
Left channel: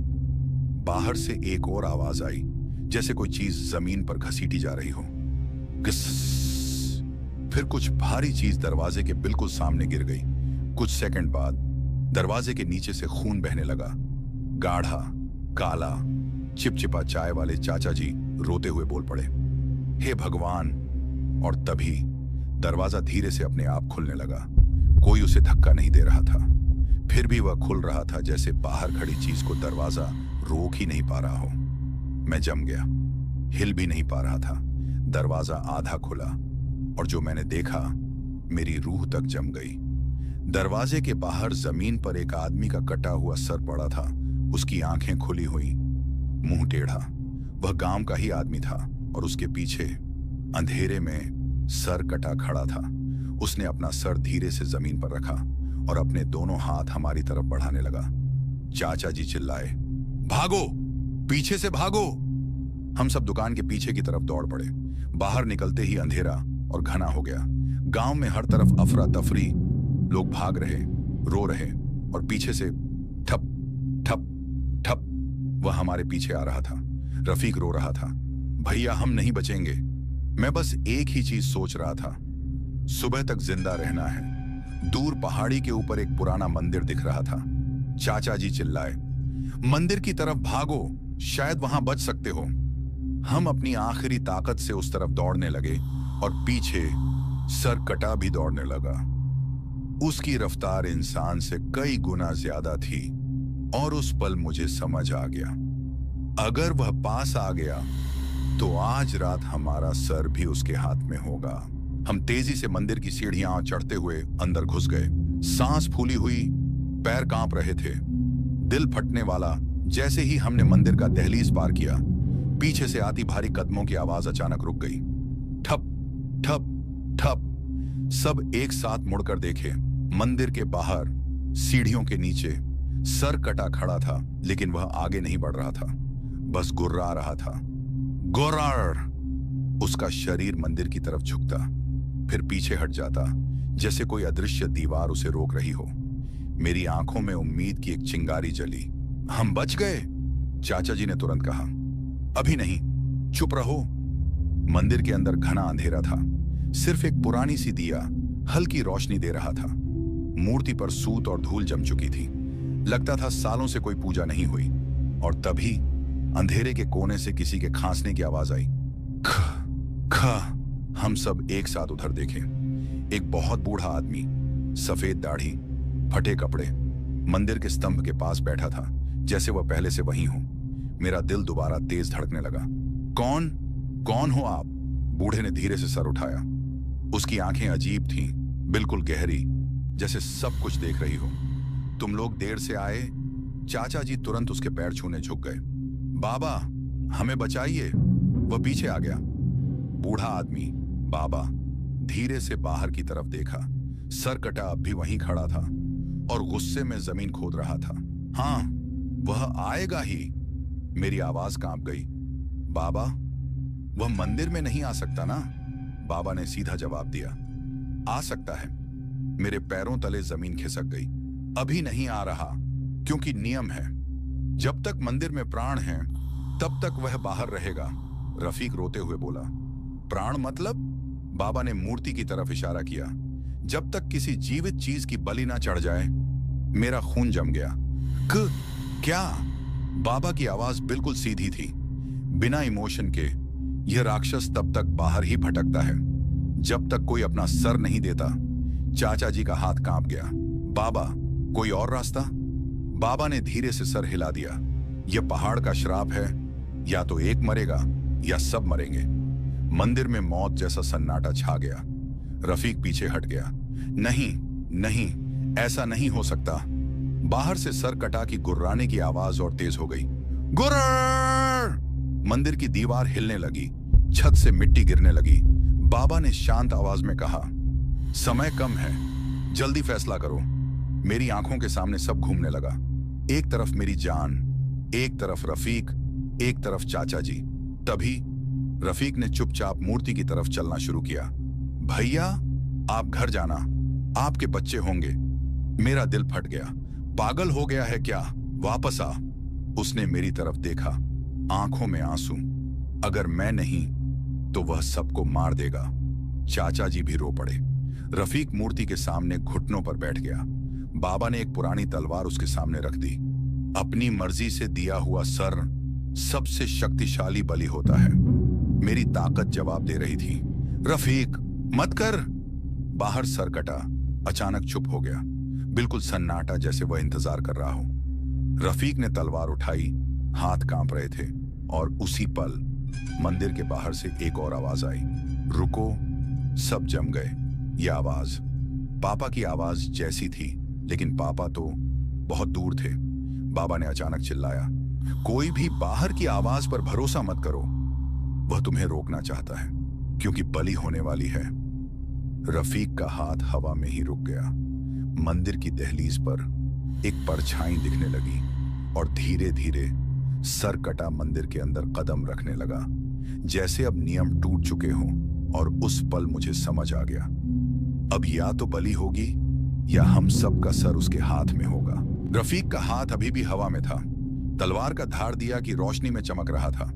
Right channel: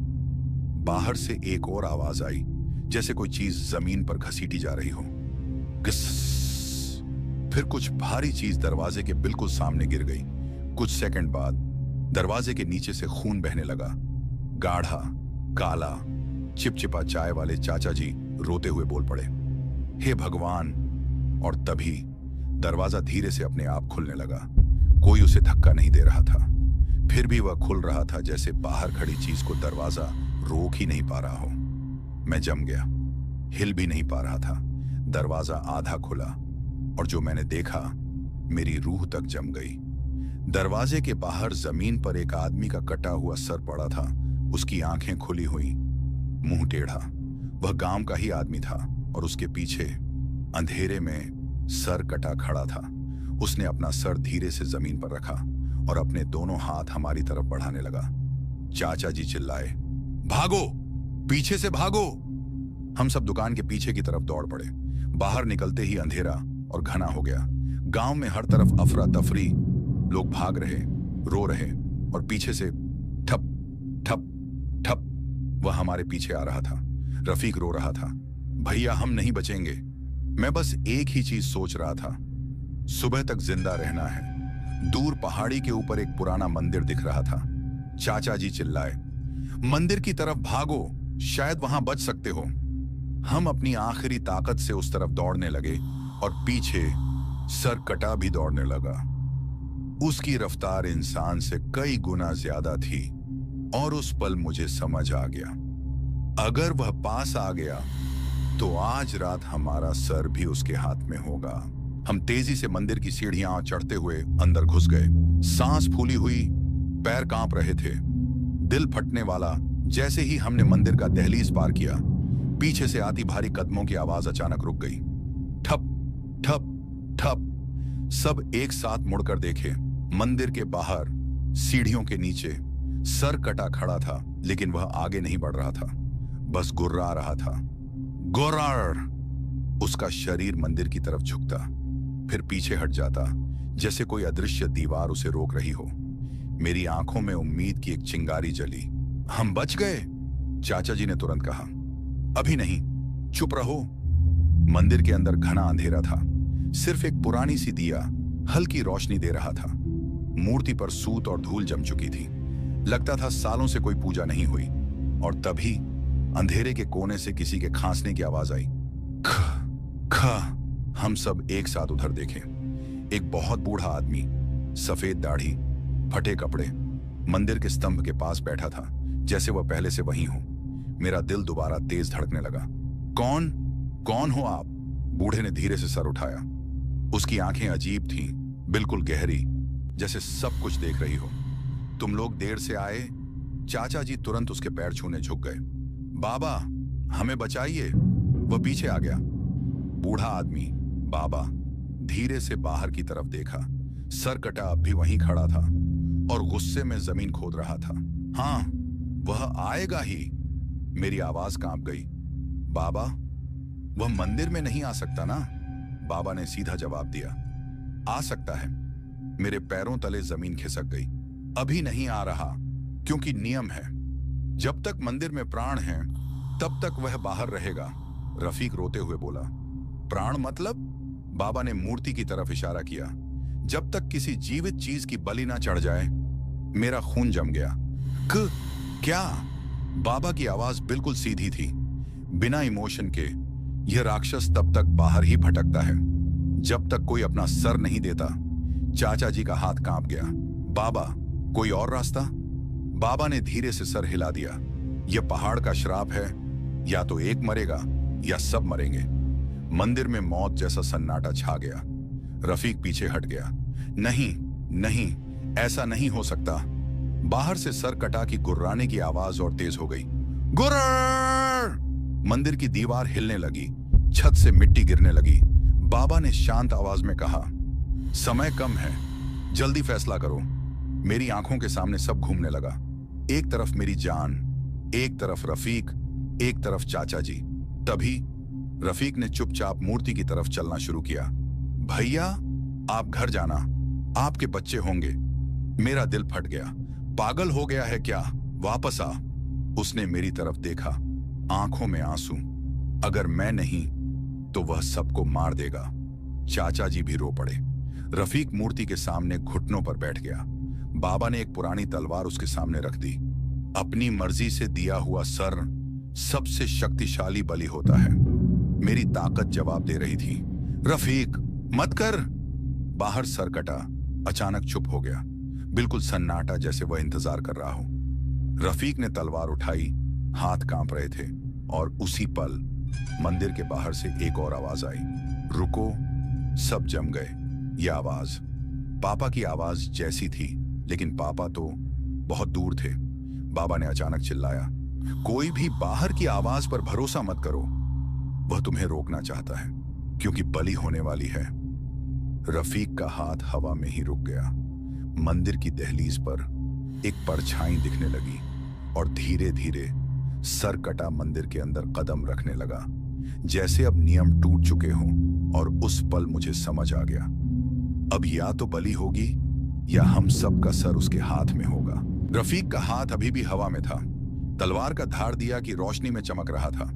बाहर से एक और आवाज आई, जैसे कोई चीज जमीन पर घसीटी जा रही हो। फिर कुछ भारी चीज दरवाजे के बिल्कुल सामने गिर गई। कुछ सेकंड बाद दरवाजे के नीचे से खून बहने लगा। गाढ़ा, काला, चिपचिपा। चाय वाले चाचा जी रोते हुए बोल पड़े, हे भगवान। और तभी दरवाजा धीरे से अपने आप खुलने लगा। कोई उसे धक्का नहीं दे रहा था। फिर भी वह खुल रहा था, जैसे बाहर खड़ी चीज को दरवाजा रोक ही नहीं पा रहा हो। मैं जम गया, हिल भी नहीं पा रहा था। दरवाजा आधा खुला, और जो मैंने देखा, मेरी रूह तक जम गई। दरवाजे के बाहर जमीन पर एक आदमी का कटा हुआ सर पड़ा था। उसकी आंखें खुली हुई, मुंह टेढ़ा। वह गांव का ही आदमी था, और उसके पीछे अंधेरे में सर कटा खड़ा था। उसने अपना सर धीरे से जमीन पर रखा और अपने दोनों हाथ हमारी तरफ बढ़ाने लगा। चाचा जी चिल्लाए, भागो, पीछे से भागो। हम सब दुकान के पीछे की तरफ दौड़ पड़े। बाहर निकलते ही अंधेरा और घना हो गया। गांव में हर तरफ अफरा तफरी, लोग भाग रहे, रो रहे, और पीछे से ठप ठप ठप। वह हमारे पीछे आ रहा था। रफीक रो रहा था, भैया हम नहीं बचेंगे। मैं बस एक ही चीज सोच रहा था, सुबह तक जिंदा रहना है। दूर पहाड़ी के ऊपर एक पुराना मंदिर दिख रहा था। चाचा जी चिल्लाए, मंदिर की तरफ भागो, शायद वहां बच सकते हो। हम अपनी आखिरी ताकत से उस तरफ दौड़ने लगे, और पीछे सर कटा भी दौड़ने लगा। उसकी रफ्तार इंसान से कई गुना ज्यादा थी, और उस पल मुझे समझ आ गया, अगर वह पास आ गया तो आज रात हमारा सर भी उसके हाथ में होगा। हम तेजी से मंदिर की सीढ़ियां चढ़ते हुए अंदर घुस गए। सांस फूली हुई, पैर कांप रहे थे, दिल फटने वाला। जैसे ही हमने मंदिर का दहलीज पार किया, पीछे से आती भारी कदमों की आवाज अचानक रुक गई। ठप ठप ठप। सब एक साथ मुड़कर देखे। मंदिर के बाहर सीढ़ियों के नीचे सर कटा खड़ा था, लेकिन वह आगे नहीं बढ़ रहा था, बस गुर्रा रहा था। गुर्रार। उसका शरीर मंदिर की तरफ झुकता, फिर पीछे हट जाता, जैसे कोई अदृश्य दीवार उसे रोक रही हो। मेरी आंखों में उम्मीद की एक चिंगारी जली। हम बच गए, चाचा जी ने तुरंत कहा। अभी नहीं, चुप रहो। मंदिर के अंदर घना अंधेरा था। सिर्फ एक पुरानी सी दिया हल्की रोशनी दे रहा था। मूर्ति पर सूत और धूल जम चुकी थी। लगता था सालों से कोई पूजा नहीं हुई। और तभी अंधेरे के कोने से किसी के खांसने की आवाज आई। ख ख। हम सब एक साथ उधर देखे। एक बहुत बूढ़ा आदमी, सफेद दाढ़ी, फटे कपड़े, मंदिर के स्तंभ के पास बैठा था, जैसे वह पहले से वहीं हो। मेरा दिल दोबारा तेज धड़कने लगा। कौन कौन हो आप? बूढ़े ने धीरे से सर उठाया। उसकी आंखें अजीब थीं, बिल्कुल गहरी, जैसे सब कुछ देख रही हो। तुम लोग देर से आए। चाचा जी तुरंत उसके पैर छूने झुक गए। बाबा, हमें बचाइए। वह पीछे आ गया। बूढ़ा आदमी, बाबा, धीरे से बाहर की तरफ देखा। सर कटा अब भी वहीं खड़ा था और गुस्से में जमीन खोद रहा था। हाँ, वह आएगा ही। मेरी आवाज कांप गई। बाबा, वह मंदिर में नहीं आ सकता ना? बाबा ने सीधा जवाब दिया। आ सकता है। मेरे पैरों तले जमीन खिसक गई। अभी नहीं आ रहा, क्योंकि नियम है, जब तक मंदिर में प्राण है तब तक वह बाहर रहेगा। रफीक रोते हुए बोला। प्राण मतलब? बाबा ने मूर्ति की तरफ इशारा किया। जब तक किसी जीवित चीज की बलि ना चढ़ जाए। मेरा खून जम गया। क्या? बाबा की आवाज बिल्कुल सीधी थी, बिना इमोशन के। यह राक्षस तब तक बाहर ही भटकता है जब तक कोई अपना सर नहीं देता। चाचा जी का हाथ कांप गया। बाबा, कोई और रास्ता? बाबा ने धीरे से सर हिला दिया। यह पहाड़ का श्राप है, या तो एक मरेगा या सब मरेंगे। मंदिर में मौत जैसा सन्नाटा छा गया। रफीक पीछे हट गया। नहीं नहीं, ऐसा नहीं हो सकता। बाहर से सर कटा की गुर्राने की आवाज और तेज हो गई। गुर्र! मंदिर की दीवार हिलने लगी, छत से मिट्टी गिरने लगी। बाबा ने शांत आवाज में कहा, समय कम है, जल्दी फैसला करो। मेरी आंखों के सामने सब घूमने लगा। एक तरफ मेरी जान, एक तरफ रफीक, एक तरफ चाचा जी। तभी रफीक ने चुपचाप मूर्ति की तरफ चलना शुरू किया। भैया, आप घर जाना, आपके बच्चे होंगे। मेरा दिल फट गया। पागल हो गया है क्या? वापस आ। उसने मेरी तरफ देखा, आंखों में आंसू। अगर मैं नहीं तो वह सबको मार देगा। चाचा जी भी रो पड़े। रफीक मूर्ति के सामने घुटनों पर बैठ गया। बाबा ने एक पुरानी तलवार उसके सामने रख दी। अपनी मर्जी से दिया हुआ सर सबसे शक्तिशाली बलि होता है। मेरी ताकत जवाब दे रही थी। रफीक, मत कर। बाहर सर कटा, अचानक चुप हो गया, बिल्कुल सन्नाटा, जैसे वह इंतजार कर रहा हो। रफीक ने तलवार उठाई, हाथ कांप रहे थे, और उसी पल मंदिर के बाहर से एक और आवाज आई। रुको। सब जम गए। यह आवाज पापा की आवाज जैसी थी, लेकिन पापा तो बहुत दूर थे। बाबा ने अचानक चिल्लाया, कोई भी बाहर की आवाज पर भरोसा मत करो। वह तुम्हें रोकना चाहता है, क्योंकि बलि होने वाली है। रफीक का हाथ हवा में ही रुक गया। मंदिर की दहलीज पर एक परछाई दिखने लगी और धीरे धीरे सर कटा मंदिर के अंदर कदम रखने लगा, जैसे अब नियम टूट चुके हों। और उस पल मुझे समझ आ गया, अब या तो बलि होगी या हम सब का सर उसके हाथ में होगा। रफीक का हाथ अभी भी हवा में था। तलवार का धार दिया कि रोशनी में चमक रहा था।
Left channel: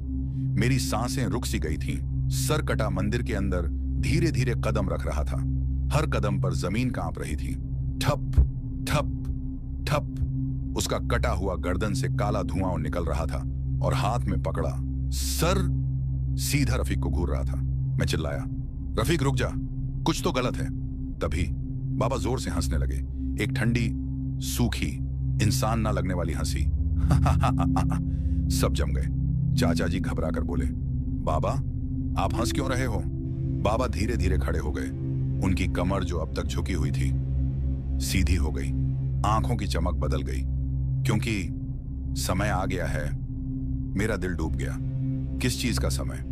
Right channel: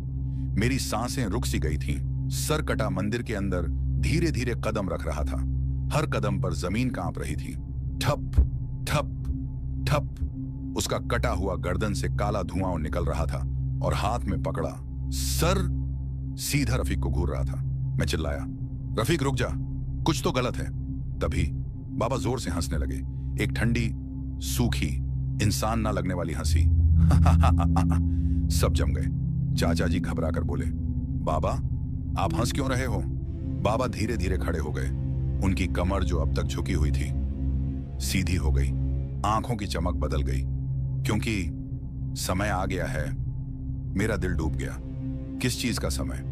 मेरी सांसें रुक सी गई थीं। सर कटा मंदिर के अंदर धीरे धीरे कदम रख रहा था। हर कदम पर जमीन कांप रही थी। ठप ठप ठप। उसका कटा हुआ गर्दन से काला धुआं निकल रहा था और हाथ में पकड़ा सर सीधा रफीक को घूर रहा था। मैं चिल्लाया, रफीक रुक जा, कुछ तो गलत है। तभी बाबा जोर से हंसने लगे, एक ठंडी, सूखी, इंसान ना लगने वाली हंसी। सब जम गए। चाचा जी घबरा कर बोले, बाबा आप हंस क्यों रहे हो? बाबा धीरे धीरे खड़े हो गए। उनकी कमर जो अब तक झुकी हुई थी सीधी हो गई। आंखों की चमक बदल गई, क्योंकि समय आ गया है। मेरा दिल डूब गया। किस चीज का समय?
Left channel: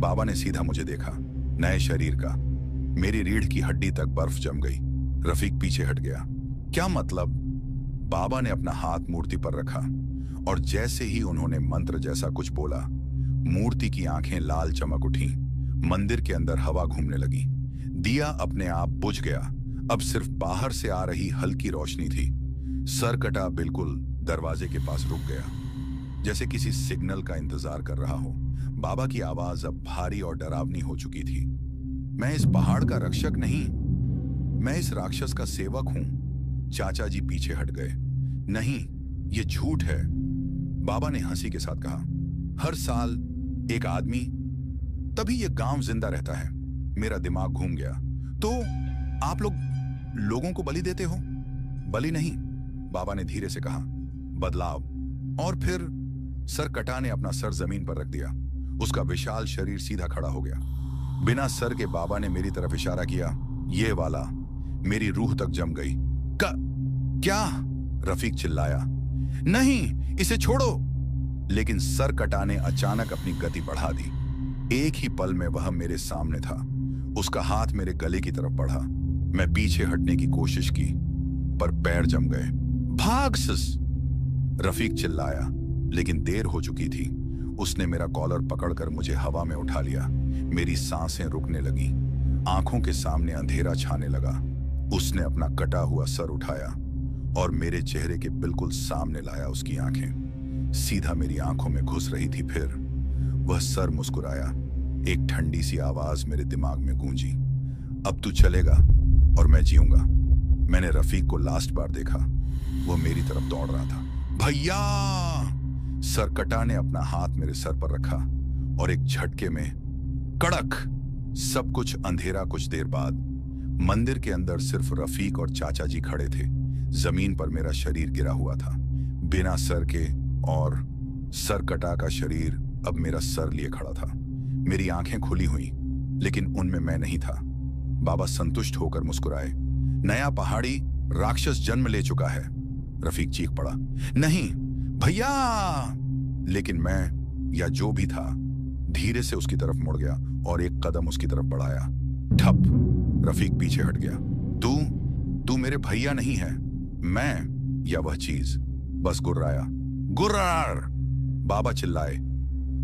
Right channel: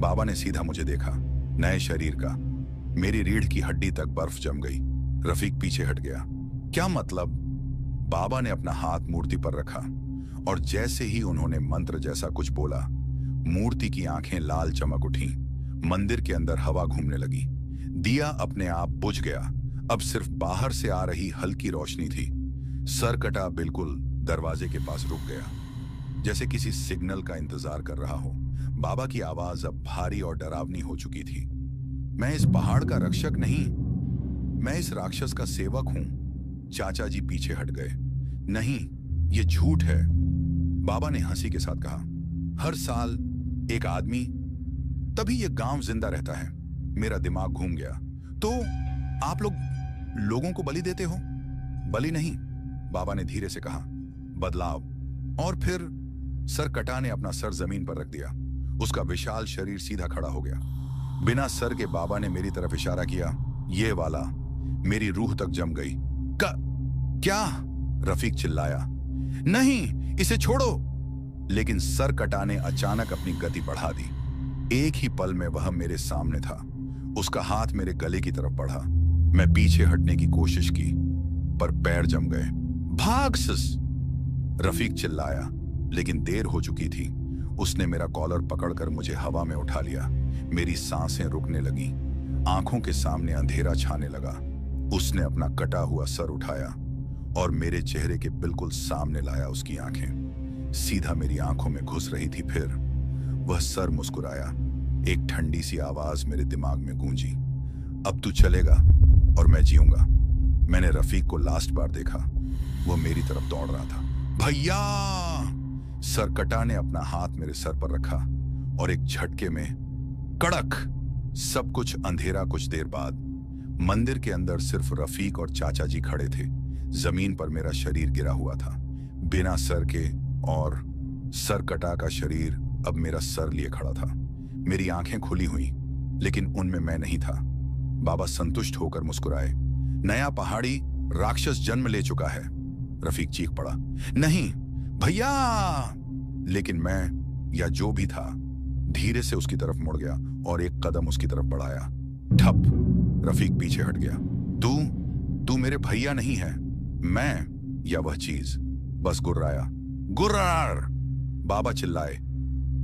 बाबा ने सीधा मुझे देखा, नए शरीर का। मेरी रीढ़ की हड्डी तक बर्फ जम गई। रफीक पीछे हट गया। क्या मतलब? बाबा ने अपना हाथ मूर्ति पर रखा और जैसे ही उन्होंने मंत्र जैसा कुछ बोला, मूर्ति की आंखें लाल चमक उठी। मंदिर के अंदर हवा घूमने लगी। दिया अपने आप बुझ गया। अब सिर्फ बाहर से आ रही हल्की रोशनी थी। सर कटा बिल्कुल दरवाजे के पास रुक गया, जैसे किसी सिग्नल का इंतजार कर रहा हो। बाबा की आवाज अब भारी और डरावनी हो चुकी थी। मैं इस पहाड़ का रक्षक नहीं, मैं इस राक्षस का सेवक हूं। चाचा जी पीछे हट गए। नहीं, ये झूठ है, बाबा ने हंसी के साथ कहा। हर साल एक आदमी, तभी ये गांव जिंदा रहता है। मेरा दिमाग घूम गया। तो आप लोगों को बलि देते हो? बलि नहीं, बाबा ने धीरे से कहा, बदलाव। और फिर सर कटा ने अपना सर जमीन पर रख दिया। उसका विशाल शरीर सीधा खड़ा हो गया। बिना सर के बाबा ने मेरी तरफ इशारा किया, ये वाला। मेरी रूह तक जम गई। क्या? रफीक चिल्लाया, नहीं, इसे छोड़ो। लेकिन सर कटा ने अचानक अपनी गति बढ़ा दी। एक ही पल में वह मेरे सामने था। उसका हाथ मेरे गले की तरफ बढ़ा। मैं पीछे हटने की कोशिश की, पर पैर जम गए। भाग सस! रफीक चिल्लाया, लेकिन देर हो चुकी थी। उसने मेरा कॉलर पकड़कर मुझे हवा में उठा लिया। मेरी सांसें रुकने लगी। आंखों के सामने अंधेरा छाने लगा। उसने अपना कटा हुआ सर उठाया और मेरे चेहरे के बिल्कुल सामने लाया। उसकी आंखें सीधा मेरी आंखों में घुस रही थी। फिर वह सर मुस्कुराया। एक ठंडी सी आवाज मेरे दिमाग में गूंजी, अब तू चलेगा और मैं जीऊंगा। मैंने रफीक को लास्ट बार देखा। वो मेरी तरफ दौड़ रहा था। भैया! सरकटा ने अपना हाथ मेरे सर पर रखा और एक झटके में कड़क सब कुछ अंधेरा। कुछ देर बाद मंदिर के अंदर सिर्फ रफीक और चाचा जी खड़े थे। जमीन पर मेरा शरीर गिरा हुआ था, बिना सर के, और सरकटा का शरीर अब मेरा सर लिए खड़ा था। मेरी आंखें खुली हुई, लेकिन उनमें मैं नहीं था। बाबा संतुष्ट होकर मुस्कुराए। नया पहाड़ी राक्षस जन्म ले चुका है। रफीक चीख पड़ा, नहीं भैया! लेकिन मैं, या जो भी था, धीरे से उसकी तरफ मुड़ गया और एक कदम उसकी तरफ बढ़ाया। ठप! रफीक पीछे हट गया। तू मेरे भैया नहीं है। मैं, या वह चीज, बस गुर्राया। गुर्रार! बाबा चिल्लाए,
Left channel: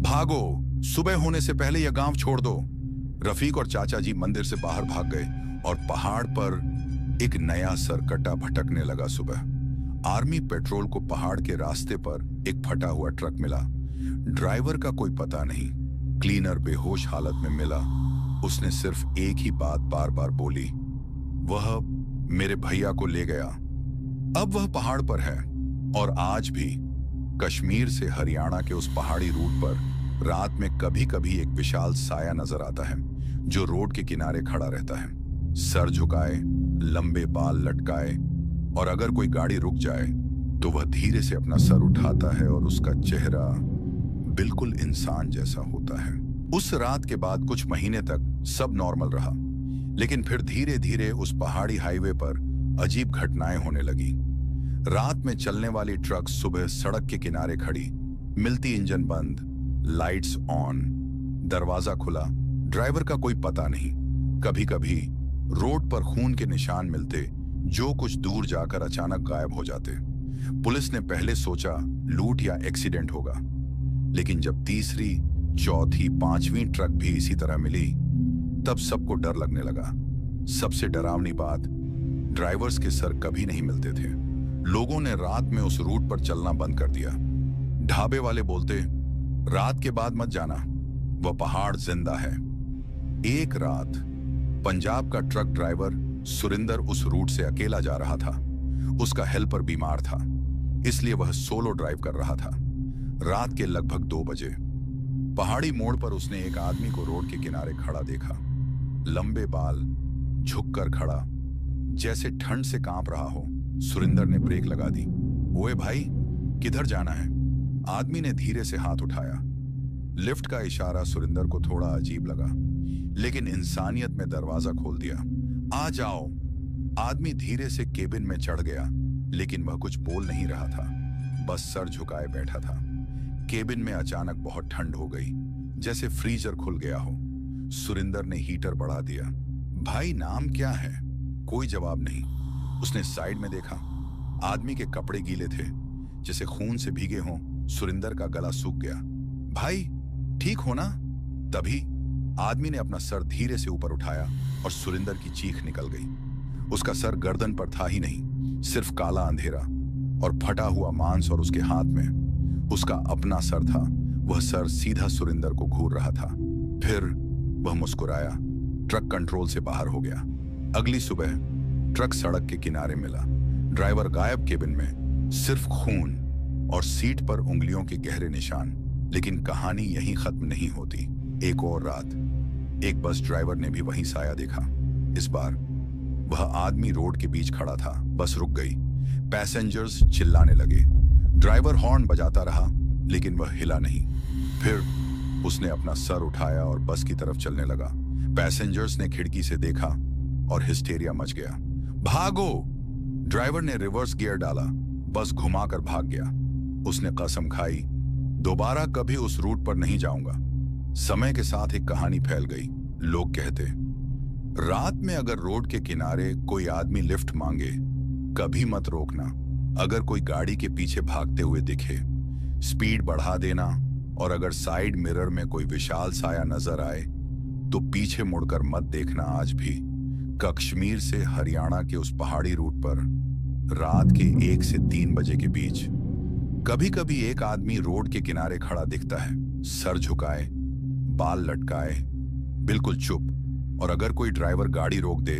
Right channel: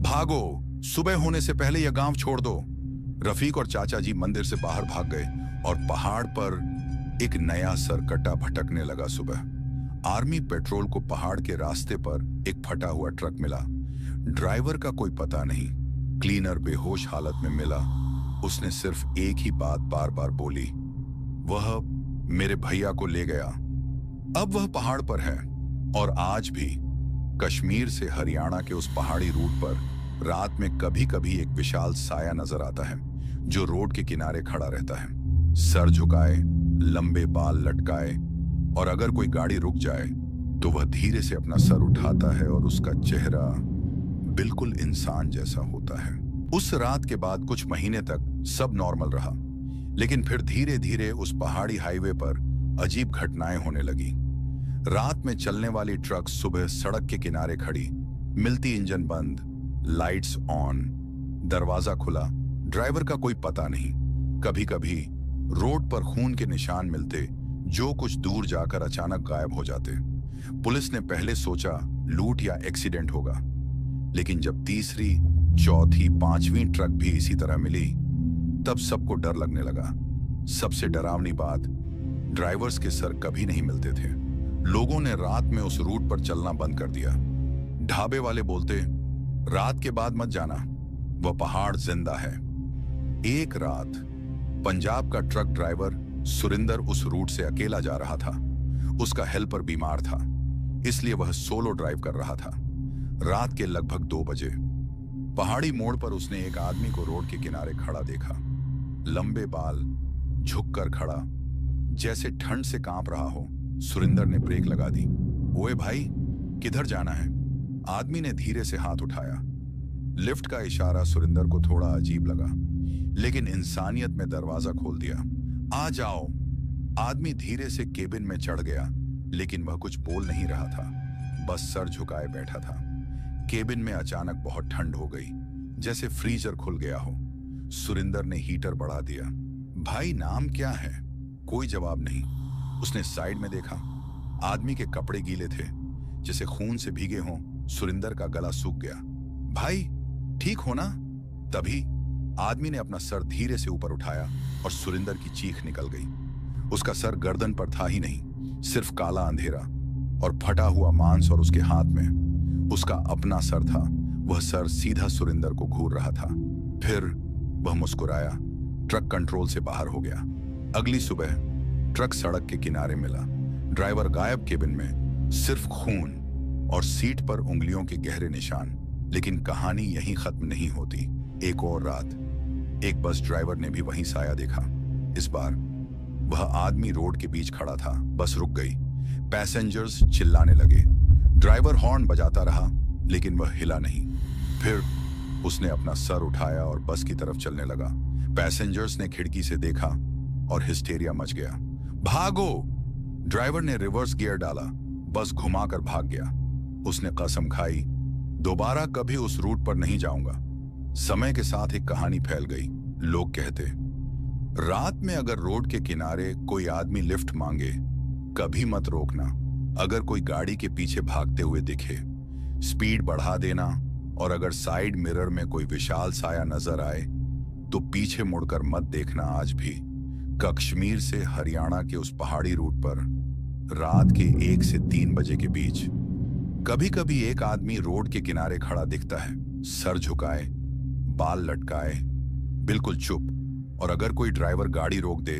भागो, सुबह होने से पहले यह गांव छोड़ दो। रफीक और चाचा जी मंदिर से बाहर भाग गए और पहाड़ पर एक नया सरकटा भटकने लगा। सुबह आर्मी पेट्रोल को पहाड़ के रास्ते पर एक फटा हुआ ट्रक मिला। ड्राइवर का कोई पता नहीं। क्लीनर बेहोश हालत में मिला। उसने सिर्फ एक ही बात बार बार बोली, वह मेरे भैया को ले गया। अब वह पहाड़ पर है, और आज भी कश्मीर से हरियाणा के उस पहाड़ी रूट पर रात में कभी कभी एक विशाल साया नजर आता है जो रोड के किनारे खड़ा रहता है, सर झुकाए, लंबे बाल लटकाए, और अगर कोई गाड़ी रुक जाए तो वह धीरे से अपना सर उठाता है और उसका चेहरा बिल्कुल इंसान जैसा होता है। उस रात के बाद कुछ महीने तक सब नॉर्मल रहा, लेकिन फिर धीरे धीरे उस पहाड़ी हाईवे पर अजीब घटनाएं होने लगी। रात में चलने वाली ट्रक सुबह सड़क के किनारे खड़ी मिलती, इंजन बंद, लाइट्स ऑन, दरवाजा खुला, ड्राइवर का कोई पता नहीं। कभी कभी रोड पर खून के निशान मिलते जो कुछ दूर जाकर अचानक गायब हो जाते। पुलिस ने पहले सोचा लूट या एक्सीडेंट होगा, लेकिन जब तीसरी, चौथी, पांचवी ट्रक भी इसी तरह मिली, तब सबको डर लगने लगा। सबसे डरावनी बात, ड्राइवर्स के सर कभी नहीं मिलते थे। लोगों ने रात में उस रूट पर चलना बंद कर दिया। ढाबे वाले बोलते, रात के बाद मत जाना, वह पहाड़ जिंदा है। एक रात पंजाब का ट्रक ड्राइवर सुरिंदर उस रूट से अकेला जा रहा था। उसका हेल्पर बीमार था, इसलिए वह सोलो ड्राइव कर रहा था। रात के लगभग 2 बजे पहाड़ी मोड़ पर उसने एक आदमी को रोड के किनारे खड़ा देखा। लंबे बाल, झुककर खड़ा, जैसे ठंड से कांप रहा हो। सुरिंदर ने ब्रेक लगा दी। ओए भाई, किधर जाना है? आदमी ने धीरे से हाथ उठाया। लिफ्ट का इशारा सुरिंदर को थोड़ा अजीब लगा, लेकिन इंसानियत में दरवाजा खोल दिया। आ जाओ। आदमी धीरे से केबिन में चढ़ गया, लेकिन वह कुछ बोल नहीं रहा था, बस सर झुकाए बैठा था। केबिन में अचानक बहुत ठंड हो गई, जैसे फ्रीजर खुल गया हो। सुरिंदर ने हीटर बढ़ा दिया। भाई, नाम क्या है? कोई जवाब नहीं। उसने साइड में देखा। आदमी के कपड़े गीले थे, जैसे खून से भीगे हों। सुरिंदर का गला सूख गया। भाई, ठीक हो ना? तभी आदमी ने अपना सर धीरे से ऊपर उठाया और सुरिंदर की चीख निकल गई। उसका सर गर्दन पर था ही नहीं, सिर्फ काला अंधेरा और फटा हुआ मांस, और उसके हाथ में उसका अपना सर था। वह सर सीधा सुरिंदर को घूर रहा था। फिर वह मुस्कुराया। ट्रक कंट्रोल से बाहर हो गया। अगली सुबह ट्रक सड़क के किनारे मिला। ड्राइवर गायब, केबिन में सिर्फ खून और सीट पर उंगलियों के गहरे निशान। लेकिन कहानी यहीं खत्म नहीं होती। एक और रात एक बस ड्राइवर ने भी वहीं साया देखा। इस बार वह आदमी रोड के बीच खड़ा था। बस रुक गई। पैसेंजर्स चिल्लाने लगे। ड्राइवर हॉर्न बजाता रहा, लेकिन वह हिला नहीं। फिर उसने अपना सर उठाया और बस की तरफ चलने लगा। पैसेंजर्स ने खिड़की से देखा और हिस्टेरिया मच गया। भागो! ड्राइवर ने रिवर्स गियर डाला। बस घुमाकर भाग गया। उसने कसम खाई, दोबारा कभी उस रूट पर नहीं जाऊंगा। समय के साथ एक कहानी फैल गई। लोग कहते, रात में अगर रोड के किनारे कोई आदमी लिफ्ट मांगे, कभी मत रोकना। अगर कोई गाड़ी के पीछे भागते हुए दिखे, स्पीड बढ़ा देना, और अगर साइड मिरर में कोई विशाल साया नजर आए, तो पीछे मुड़कर मत देखना आज भी। कश्मीर से हरियाणा के उस पहाड़ी रूट पर रात के 1 से 3 बजे के बीच कभी कभी एक आदमी रोड के किनारे खड़ा दिखता है, सर झुकाए, बाल लटकाए, बिल्कुल चुप। और अगर कोई ड्राइवर गाड़ी रोक दे,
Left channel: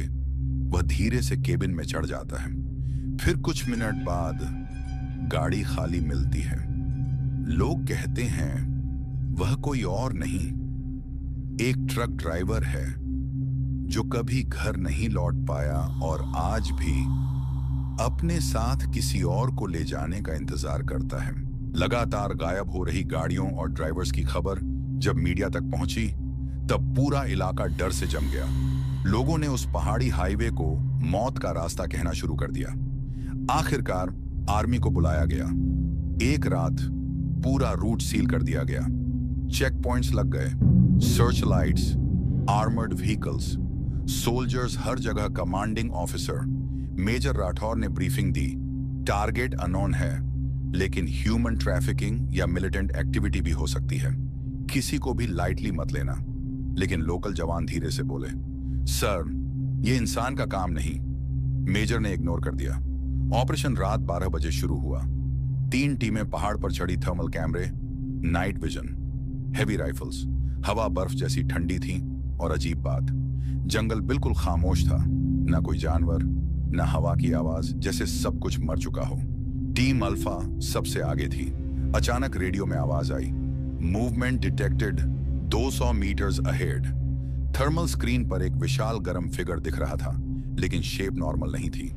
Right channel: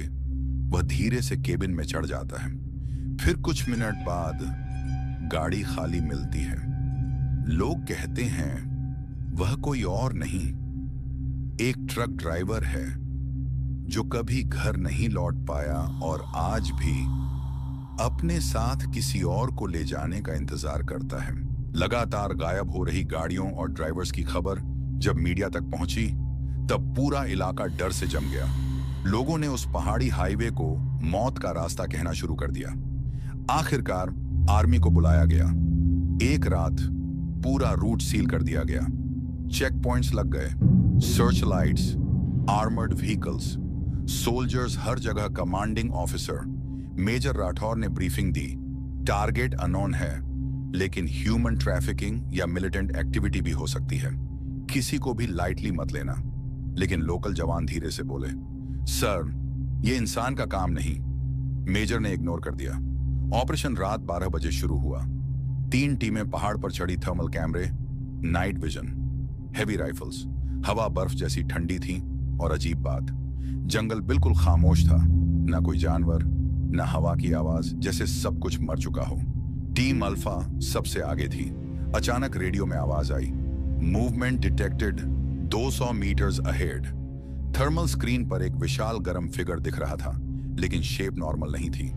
वह धीरे से केबिन में चढ़ जाता है। फिर कुछ मिनट बाद गाड़ी खाली मिलती है। लोग कहते हैं वह कोई और नहीं, एक ट्रक ड्राइवर है जो कभी घर नहीं लौट पाया और आज भी अपने साथ किसी और को ले जाने का इंतजार करता है। लगातार गायब हो रही गाड़ियों और ड्राइवर्स की खबर जब मीडिया तक पहुंची, तब पूरा इलाका डर से जम गया। लोगों ने उस पहाड़ी हाईवे को मौत का रास्ता कहना शुरू कर दिया। आखिरकार आर्मी को बुलाया गया। एक रात पूरा रूट सील कर दिया गया। चेक पॉइंट्स लग गए, searchlights, armoured vehicles, soldiers हर जगह। कमांडिंग ऑफिसर मेजर राठौर ने ब्रीफिंग दी, टारगेट अननोन है, लेकिन ह्यूमन ट्रैफिकिंग या मिलिटेंट एक्टिविटी भी हो सकती है, किसी को भी लाइटली मत लेना। लेकिन लोकल जवान धीरे से बोले, सर ये इंसान का काम नहीं। मेजर ने इग्नोर कर दिया। ऑपरेशन रात 12 बजे शुरू हुआ। 3 टीमें पहाड़ पर चढ़ी, थर्मल कैमरे, नाइट विजन, हेवी राइफल्स। हवा बर्फ जैसी ठंडी थी और अजीब बात, जंगल बिल्कुल खामोश था, ना कोई जानवर, ना हवा की आवाज, जैसे सब कुछ मर चुका हो। टीम अल्फा सबसे आगे थी। अचानक रेडियो में आवाज आई, movement detected 200 metres ahead. Thermal screen पर एक विशाल गर्म फिगर दिख रहा था, लेकिन शेप नॉर्मल नहीं थी।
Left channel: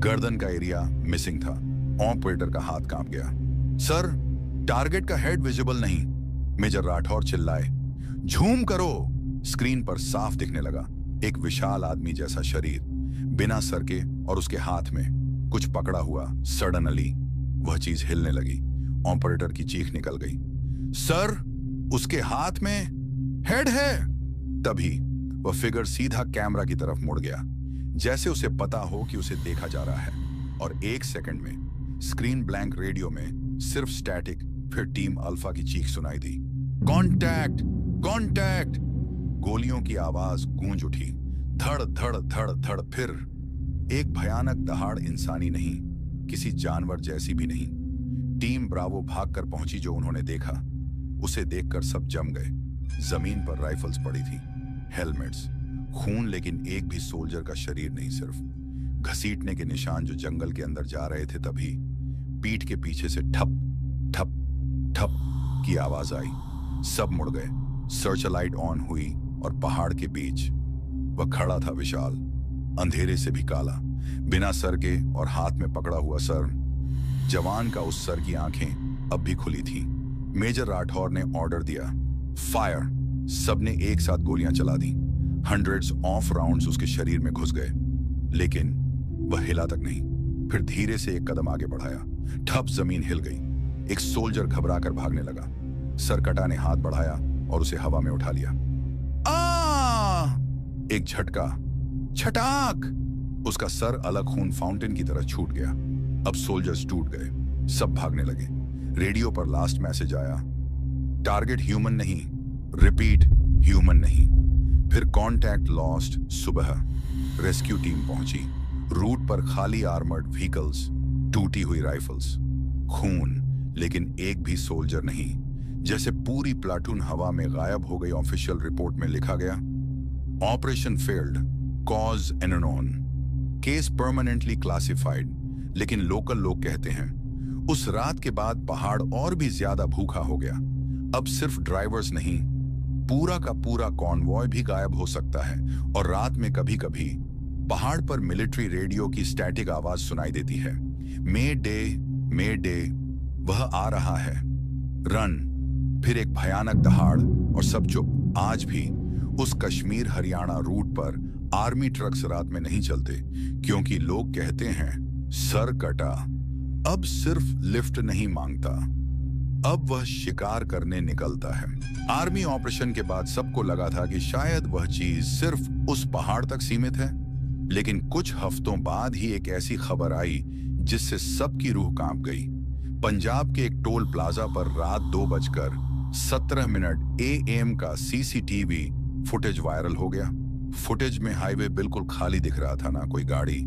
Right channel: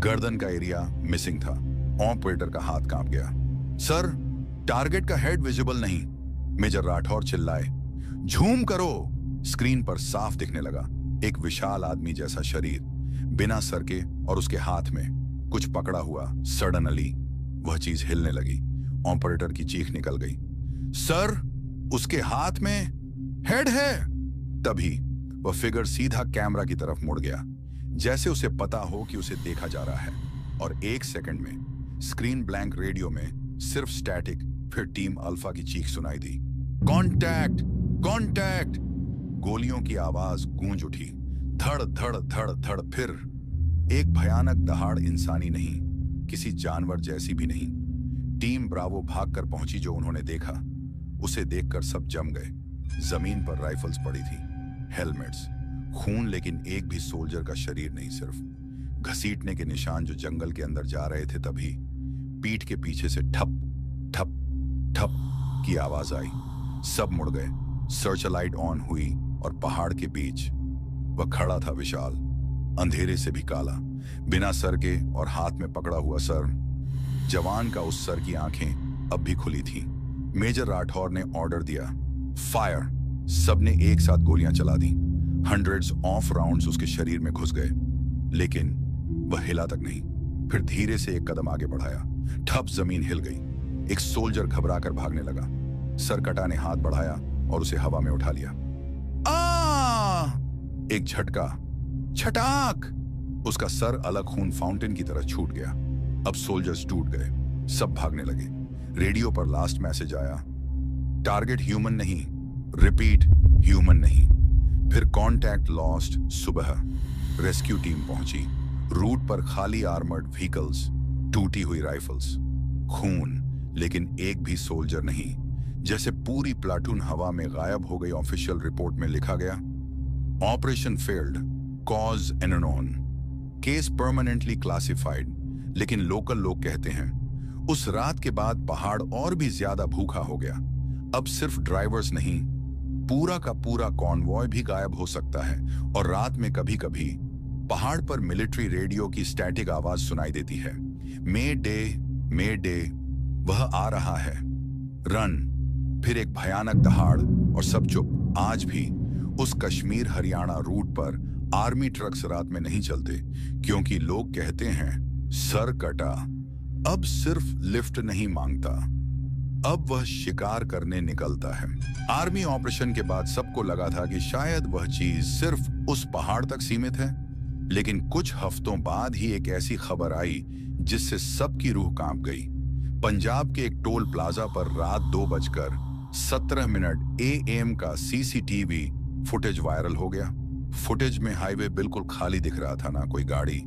गर्दन का एरिया मिसिंग था। ऑपरेटर का हाथ कांप गया। सर टारगेट का हेड विजिबल नहीं। मेजर राठौर चिल्लाए, झूम करो। स्क्रीन पर साफ दिखने लगा एक विशाल आदमी जैसा शरीर, बिना सर के, और उसके हाथ में कुछ पकड़ा हुआ। सडनली वह चीज हिलने लगी। ऑपरेटर की चीख निकल गई, सर उसके हाथ में हेड है। तभी वह फिगर सीधा कैमरा की तरफ मुड़ गया, जैसे उसे पता हो कि उसे देखा जा रहा है। और 1 सेकंड में स्क्रीन ब्लैंक, रेडियो में सिर्फ स्टैटिक। फिर टीम अल्फा की चीख सुनाई दी, कॉन्टैक्ट कॉन्टैक्ट। गोलियों की आवाज गूंज उठी, धड़ धड़ धड़ धड़। फिर एक भयानक दहाड़, इंसानी नहीं, किसी जानवर जैसी भी नहीं। टीम ब्रावो भागकर पहुंची। जो उन्होंने देखा उसे देखकर सब जम गए। जमीन पर राइफल्स पड़ी थी, हेलमेट्स, खून, लेकिन एक भी सोल्जर का शरीर नहीं, सिर्फ घसीटने के निशान जो जंगल के अंदर जा रहे थे। तभी पीठ के पीछे से ठप ठप ठप की आवाज आई। सब मुड़ गए। सर्च लाइट ऑन हुई और पहाड़ के बीच वह खड़ा था, विशाल, अंधेरे से भी काला, बिना सर के और हाथ में पकड़ा हुआ सर। जवान का उस सर की आंखें अब भी खुली थीं। मेजर राठौर ने ऑर्डर दिया, फायर। सबने एक साथ गोलियां चला दी। हंड्रेड्स ऑफ राउंड्स उसके शरीर में घुस गए, लेकिन वह हिला तक नहीं। फिर धीरे से एक कदम आगे बढ़ाया। ठप जमीन हिल गई। एक सोल्जर घबराकर भागने लगा। सरकटा ने हाथ बढ़ाया और उसे हवा में उठा लिया। एक झटका, छटाक, उसका सर अलग खून फाउंटेन की तरह छूट गया। अब सोल्जर्स टूट गए, सब भागने लगे। रेडियो पर लास्ट मैसेज आया, टारगेट ह्यूमन नहीं, रिपीट ह्यूमन नहीं। फिर कॉन्टैक्ट लॉस्ट। सुबह रेस्क्यू टीम पहुंची। रूट पर खाली आर्मर्ड व्हीकल्स, टूटी हुई राइफल्स, खून, लेकिन एक भी सोल्जर नहीं। जैसे पूरी प्लाटून हवा में गायब हो गई। ऑफिशियल रिपोर्ट में लिखा गया, operation failed, cause unknown, case permanently classified. लेकिन लोकल लोग कहते हैं उस रात के बाद पहाड़ और भी ज्यादा भूखा हो गया। अब सिर्फ ड्राइवर्स नहीं, पूरा का पूरा कॉन्वॉय भी गायब हो सकता है। और रात में कभी कभी पहाड़ पर मिलिट्री रेडियो की स्टैटिक आवाज सुनाई देती है, मे डे, वह आ रहा है, रन। फिर एक भयानक दहाड़ और सब चुप। आज भी उस कश्मीर हरियाणा रूट पर आर्मी ट्रक्स रात में नहीं चलते, क्योंकि लोग कहते हैं सर कटा अब सिर्फ लिफ्ट नहीं मांगता, अब वह शिकार करने निकलता है। आर्मी ऑपरेशन के बाद सबको लगा था कि शायद वह चीज सिर्फ उस पहाड़ तक सीमित है, लेकिन कुछ हफ्तों बाद ही एक ऐसी खबर आई जिससे सबकी रूह कांप गई। पंजाब के एक टोल प्लाजा पर रात 2:17 AM का CCTV फुटेज वायरल हो गया। फुटेज में हाईवे बिल्कुल खाली दिख रहा था, ना कोई गाड़ी,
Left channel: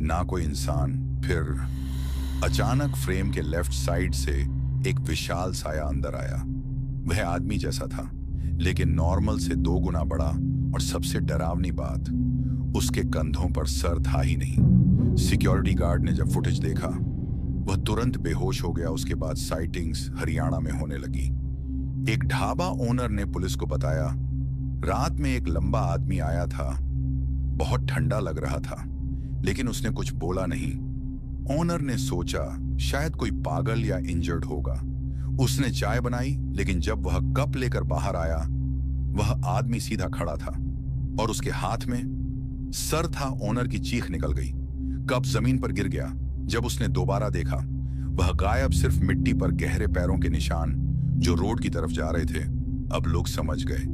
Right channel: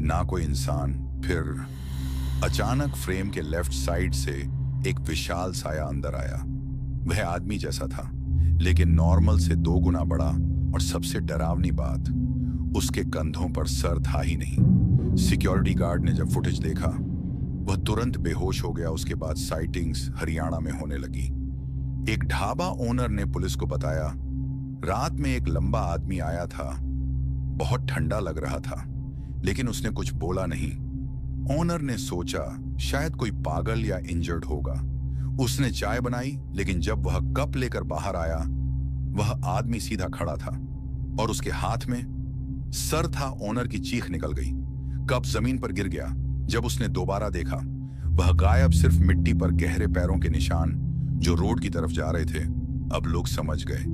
ना कोई इंसान। फिर अचानक फ्रेम के लेफ्ट साइड से एक विशाल साया अंदर आया। वह आदमी जैसा था, लेकिन नॉर्मल से 2 गुना बड़ा, और सबसे डरावनी बात, उसके कंधों पर सर था ही नहीं। सिक्योरिटी गार्ड ने जब फुटेज देखा, वह तुरंत बेहोश हो गया। उसके बाद साइटिंग्स हरियाणा में होने लगी। एक ढाबा ओनर ने पुलिस को बताया, रात में एक लंबा आदमी आया था, बहुत ठंडा लग रहा था, लेकिन उसने कुछ बोला नहीं। ओनर ने सोचा शायद कोई पागल या इंजर्ड होगा। उसने चाय बनाई, लेकिन जब वह कप लेकर बाहर आया, वह आदमी सीधा खड़ा था और उसके हाथ में सर था। ओनर की चीख निकल गई। कप जमीन पर गिर गया। जब उसने दोबारा देखा, वह गायब, सिर्फ मिट्टी पर गहरे पैरों के निशान जो रोड की तरफ जा रहे थे। अब लोग समझ गए,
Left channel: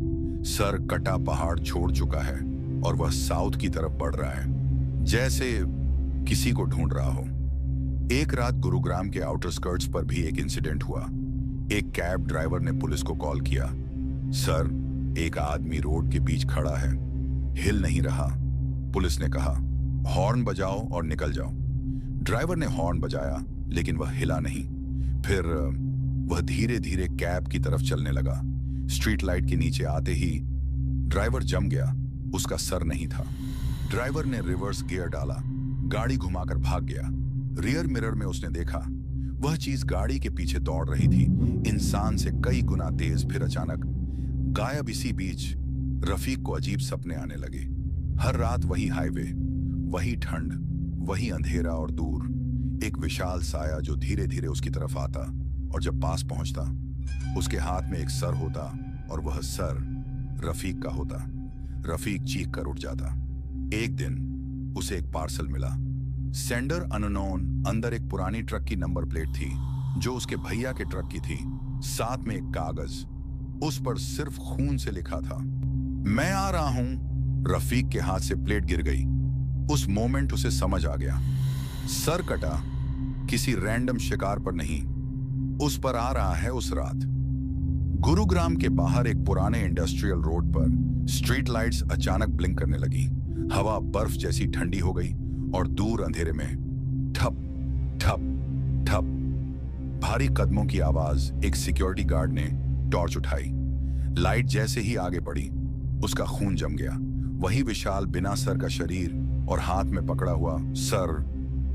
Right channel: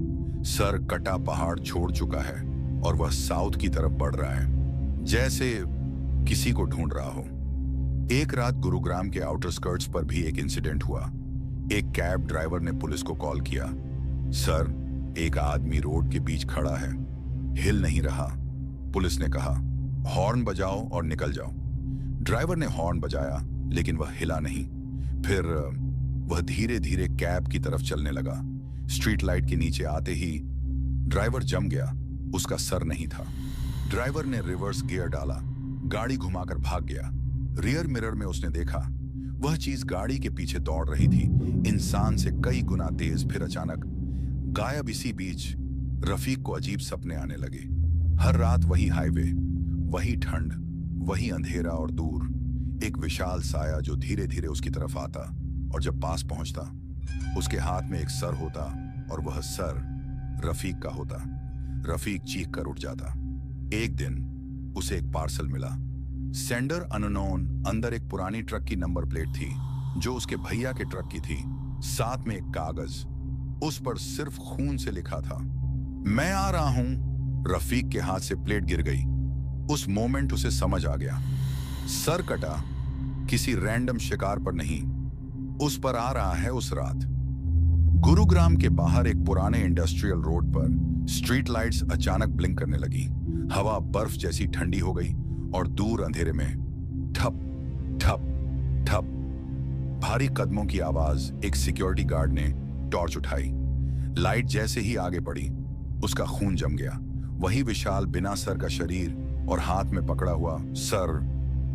सर कटा पहाड़ छोड़ चुका है और वह साउथ की तरफ बढ़ रहा है, जैसे किसी को ढूंढ रहा हो। एक रात गुरुग्राम के आउटर स्कर्ट्स पर भी एक इंसिडेंट हुआ। एक कैब ड्राइवर ने पुलिस को कॉल किया, सर, एक आदमी रोड के बीच खड़ा है, हिल नहीं रहा। पुलिस ने कहा, हॉर्न बजाओ और निकल जाओ। ड्राइवर ने हॉर्न बजाया, लेकिन वह हिला नहीं। फिर वह धीरे धीरे कैब की तरफ चलने लगा। स्ट्रीट लाइट के नीचे आते ही ड्राइवर जम गया। उसका सर नहीं था। ड्राइवर ने रिवर्स गियर डाला, गाड़ी घुमाकर भाग गया। रियर मिरर में उसने देखा, वह चीज गाड़ी के पीछे दौड़ रही थी, इंसान से कई गुना तेज। फिर अचानक गायब। इसी बीच रफीक को अजीब सपने आने लगे। हर रात वही हाईवे, वही ठंड, वही अंधेरा, और दूर एक विशाल साया जो धीरे धीरे उसकी तरफ आता, और जब पास पहुंचता, उसके हाथ में एक सर होता, और वह सर रफीक का होता। रफीक चीख कर उठ जाता। एक दिन उसे एक पार्सल मिला। Sender unknown. अंदर एक पुरानी ट्रक की नंबर प्लेट थी, जो उसके भैया के ट्रक की थी। साथ में एक कागज, उस पर सिर्फ खून से लिखा था, मैं आ रहा हूं। रफीक के हाथ से प्लेट गिर गई। उस मोमेंट उसे समझ आ गया, सर कटा किसी रैंडम शिकार पर नहीं, उस पर आ रहा है उस रात। गुरुग्राम के बाहर एक पुराने इंडस्ट्रियल रोड पर स्ट्रीट लाइट्स अचानक ब्लिंक करने लगी। हवा बर्फ जैसी ठंडी हो गई, और दूर अंधेरे में ठप ठप ठप भारी कदमों की आवाज। एक सिक्योरिटी गार्ड ने टॉर्च उठाई। लाइट जैसे ही आगे बढ़ी, उसका खून जम गया। वही विशाल बिना सर का शरीर और हाथ में पकड़ा हुआ सर,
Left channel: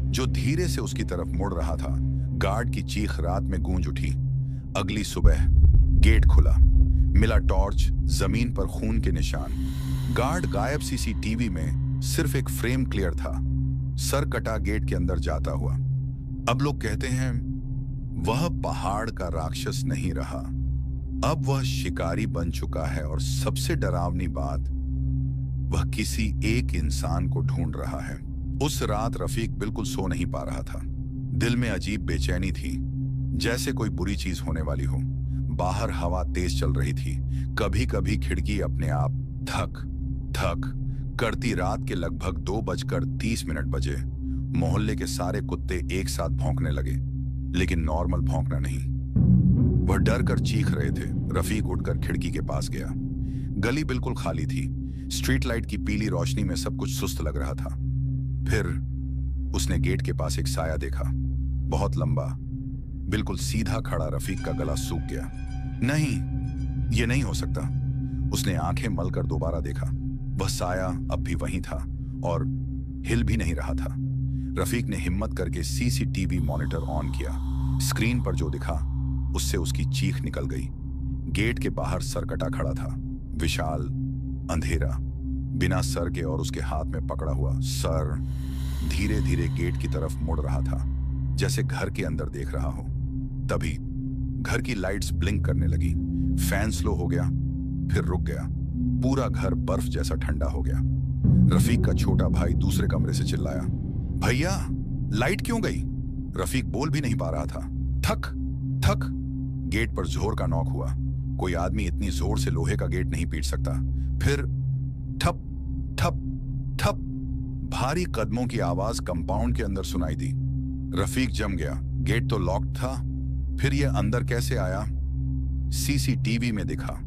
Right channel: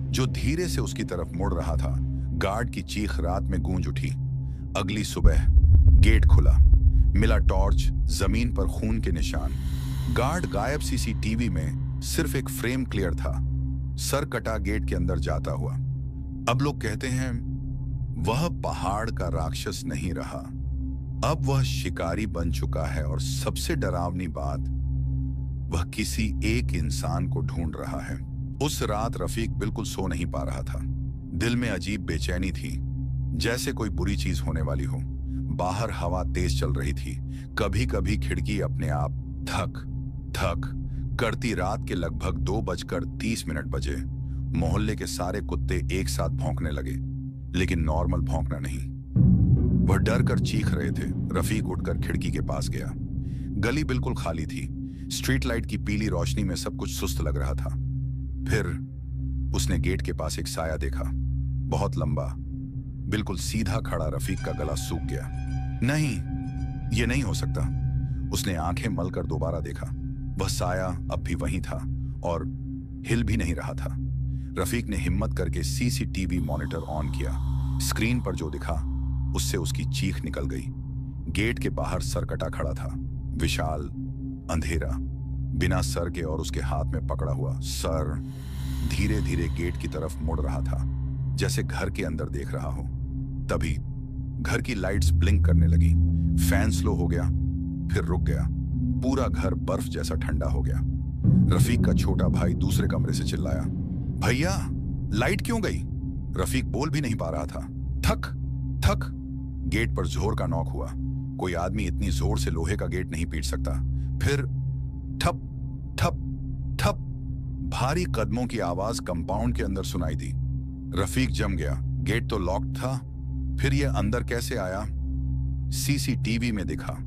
जो धीरे से उसकी तरफ मुड़ रहा था। गार्ड की चीख रात में गूंज उठी। अगली सुबह गेट खुला, मिला टॉर्च, जमीन पर खून के निशान। गार्ड गायब। सीसीटीवी में सिर्फ एक फ्रेम क्लियर था, सर कटा गेट के अंदर जाता हुआ। अब लोग कहते हैं वह पहाड़ का राक्षस नहीं रहा, अब वह शिकारी बन चुका है। और सबसे डरावनी बात, वह किसी एक इंसान को ढूंढ रहा है। उस रात रफीक बिल्कुल सो नहीं पा रहा था। दिल में अजीब बेचैनी थी, जैसे कोई बुरी चीज होने वाली हो। बाहर हवा तेज चल रही थी। कभी कभी खिड़की अपने आप धक धक करती। रात के लगभग 2:30 बजे। मोहल्ले के सारे कुत्ते एक साथ भौंकने लगे, लेकिन नॉर्मल भौंकना नहीं। वह डर कर चीख रहे थे। रफीक उठकर खिड़की के पास गया। गली बिल्कुल खाली थी। स्ट्रीट लाइट की पीली रोशनी में सब कुछ सुस्त लग रहा था। फिर उसने गेट के पास एक साया देखा, बहुत लंबा, बिल्कुल सीधा खड़ा। रफीक का गला सूख गया। नहीं, यह नहीं हो सकता। उसने आंखें मलकर दोबारा देखा। वह साया अब भी वहीं था और हिल भी नहीं रहा था। रफीक ने हिम्मत करके सीसीटीवी मॉनिटर ऑन किया। स्क्रीन पर जो दिखा, उससे उसकी चीख निकल गई। गेट के बाहर सरकटा खड़ा था, विशाल, अंधेरा, बिना सर के, और उसके हाथ में पकड़ा हुआ सर धीरे धीरे गेट की तरफ मुड़ रहा था, जैसे घर के अंदर देख रहा हो। तभी घर की लाइट्स ब्लिंक करने लगी। फैन स्लो हो गया, फिर रुक गया। पूरा घर बर्फ जैसा ठंडा हो गया। रफीक का छोटा भाई दूसरे कमरे से चिल्लाया, भैया, लाइट क्यों गई? रफीक बोल भी नहीं पा रहा था। थक थक। गेट पर जोर का नॉक हुआ। कोई आदमी इतनी जोर से लोहे का गेट नहीं पीट सकता। फिर ठप ठप ठप। भारी कदमों की आवाज कंपाउंड के अंदर सुनाई दी। रफीक जम गया। गेट तो लॉक्ड था, फिर यह अंदर कैसे आया? सीसीटीवी में दिखा,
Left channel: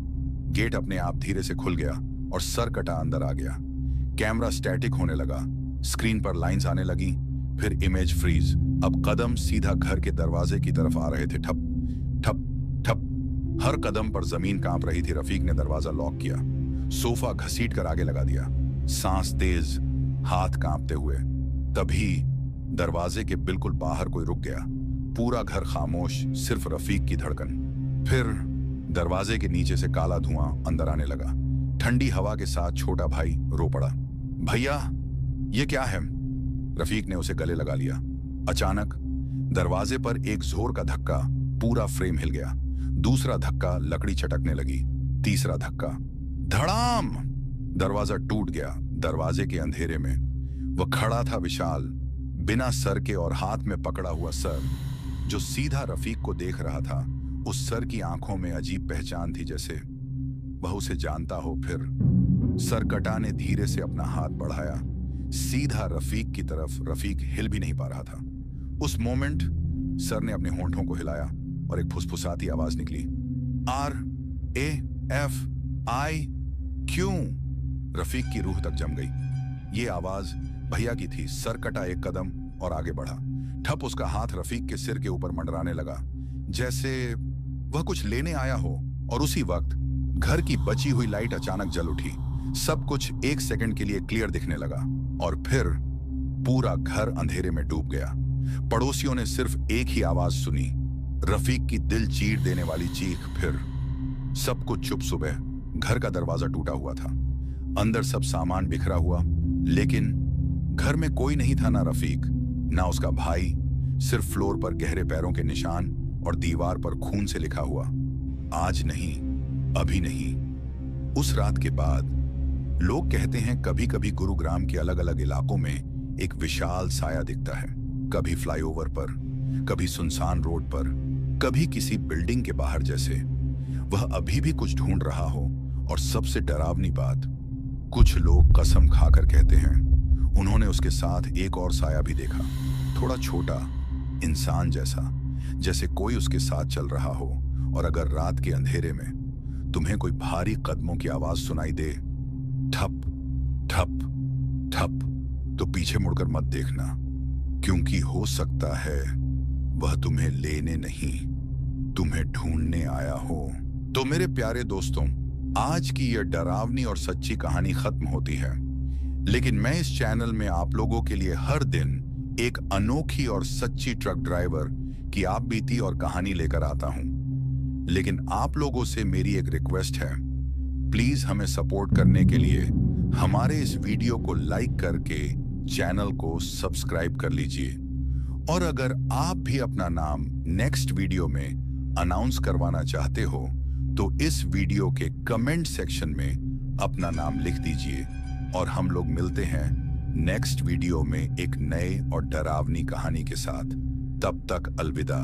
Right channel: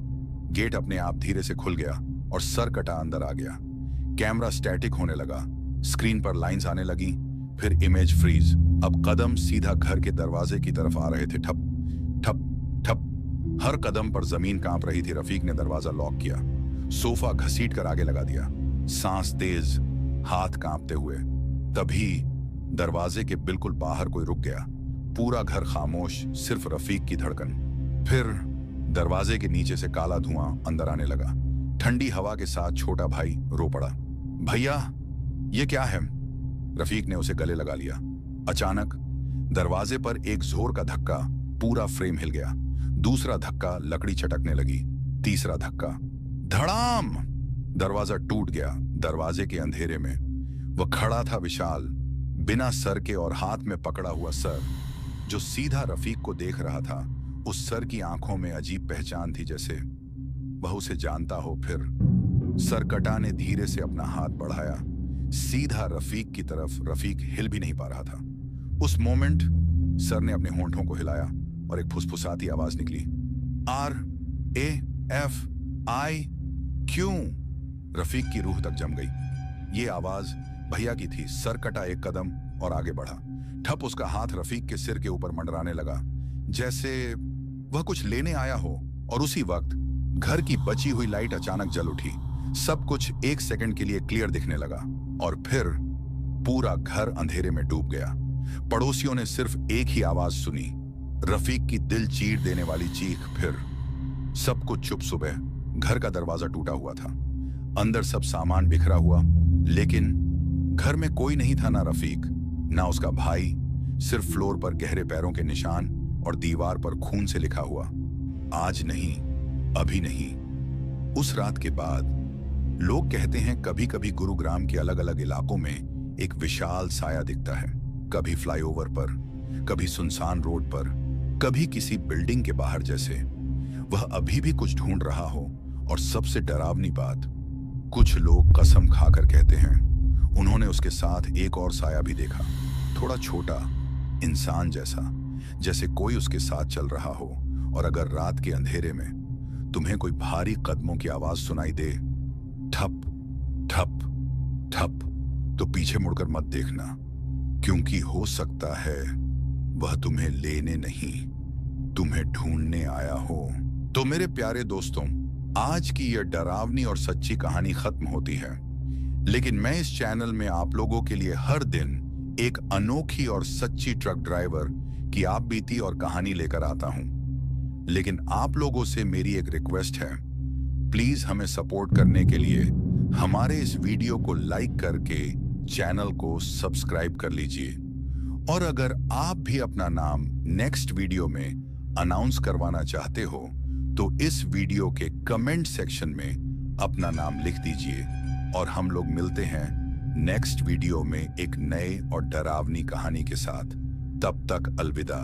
गेट अपने आप धीरे से खुल गया और सर कटा अंदर आ गया। कैमरा स्टैटिक होने लगा, स्क्रीन पर लाइंस आने लगी, फिर इमेज फ्रीज। अब कदम सीधा घर के दरवाजे की तरफ आ रहे थे। ठप ठप ठप, हर कदम पर जमीन कांप रही थी। रफीक ने दरवाजा लॉक किया, सोफा घसीट कर आगे लगा दिया, सांस तेज, हाथ कांपते हुए। तभी दरवाजे के बिल्कुल बाहर कोई रुक गया। पूरा घर खामोश, सिर्फ रफीक की धड़कन। फिर दरवाजे के नीचे से काला धुआं अंदर आने लगा। ठंडी हवा के साथ छोटा भाई रो पड़ा। भैया, ये क्या है? रफीक ने उसे गले लगा लिया। अचानक दरवाजे पर एक जोर का धक्का, पूरा फ्रेम हिल गया। दूसरा धक्का, लकड़ी चटकने लगी। तीसरा धक्का, धड़ाम, दरवाजा टूट गया। दरवाजे के अंधेरे में वह खड़ा था, विशाल, बिना सर के और हाथ में पकड़ा हुआ सर, जो सीधा रफीक को देख रहा था। उस सर की आंखों में अजीब पहचान थी, जैसे वह उसे जानता हो। फिर सरकटा ने धीरे से अपना हाथ बढ़ाया, सीधा रफीक की तरफ। रफीक हिल भी नहीं पा रहा था। उस मोमेंट सर ने अपने होंठों को हिलाया और एक फुसफुसाती आवाज निकली, RAFI क्यों? रफीक की रूह तक जम गई। ये आवाज भैया की थी। सर कटा एक कदम और आगे बढ़ा। ठप उसका हाथ रफीक के सिर के ऊपर मंडराने लगा, जैसे वह कुछ लेने आया हो। और उसी वक्त घर की बची हुई लाइट अचानक जल उठी। सब कुछ एक सेकंड के लिए क्लियर दिखने लगा और फिर पूरा घर अंधेरे में डूब गया। पड़ोसियों ने सिर्फ एक ही आवाज सुनी, रफीक की दिल चीर देने वाली चीख। फिर सब कुछ चुप। सुबह घर का दरवाजा टूटा हुआ था, अंदर सब सामान बिखरा हुआ, लेकिन घर में कोई नहीं था। ना रफीक, ना उसका भाई, सिर्फ फ्लोर पर गहरे पैरों के निशान और दीवार पर खून से लिखा हुआ, आज नहीं, अभी नहीं। उस रात के बाद लोग कहते हैं कभी कभी गुरुग्राम के अलग अलग इलाकों में एक विशाल साया दिखता है। कभी फ्लाईओवर पर, कभी सुनसान रोड पर, कभी किसी बिल्डिंग के बाहर, जैसे वह अभी भी कुछ ढूंढ रहा हो। और सबसे डरावनी बात, कुछ लोग कसम खाकर कहते हैं उन्होंने उसके साथ एक और साया भी देखा, थोड़ा छोटा, इंसान जैसा, जैसे कोई उसके साथ चल रहा हो। और अगर रात के अंधेरे में तुम्हें कोई भारी कदमों की आवाज सुनाई दे, ठप ठप ठप, तो पीछे मुड़कर मत देखना, क्योंकि हो सकता है वह तुम्हें लेने नहीं, तुम्हें ढूंढने आया हो। तो मेरे प्यारे दोस्तों, आज की यह डरावनी और सच्ची कहानी खत्म होती है, लेकिन मैं इस चैनल में आप लोगों के लिए हर दिन एक अनोखी और सच्ची ट्रक ड्राइवर की आप बीती और कहानी लेकर आता हूं। लेकिन आप लोगों से मेरी एक रिक्वेस्ट है, प्लीज हमें सपोर्ट करने के लिए हमारे इस वीडियो को लाइक करके चैनल को सब्सक्राइब कर लीजिए। और अगर आप भी अपना नाम नेक्स्ट वीडियो में अनाउंस करवाना चाहते हो तो इस वीडियो के कमेंट सेक्शन में अपना नाम लिख दीजिए। और हम लोग मिलते हैं नेक्स्ट वीडियो में एक नए और डरावनी कहानी के साथ। तब तक अलविदा।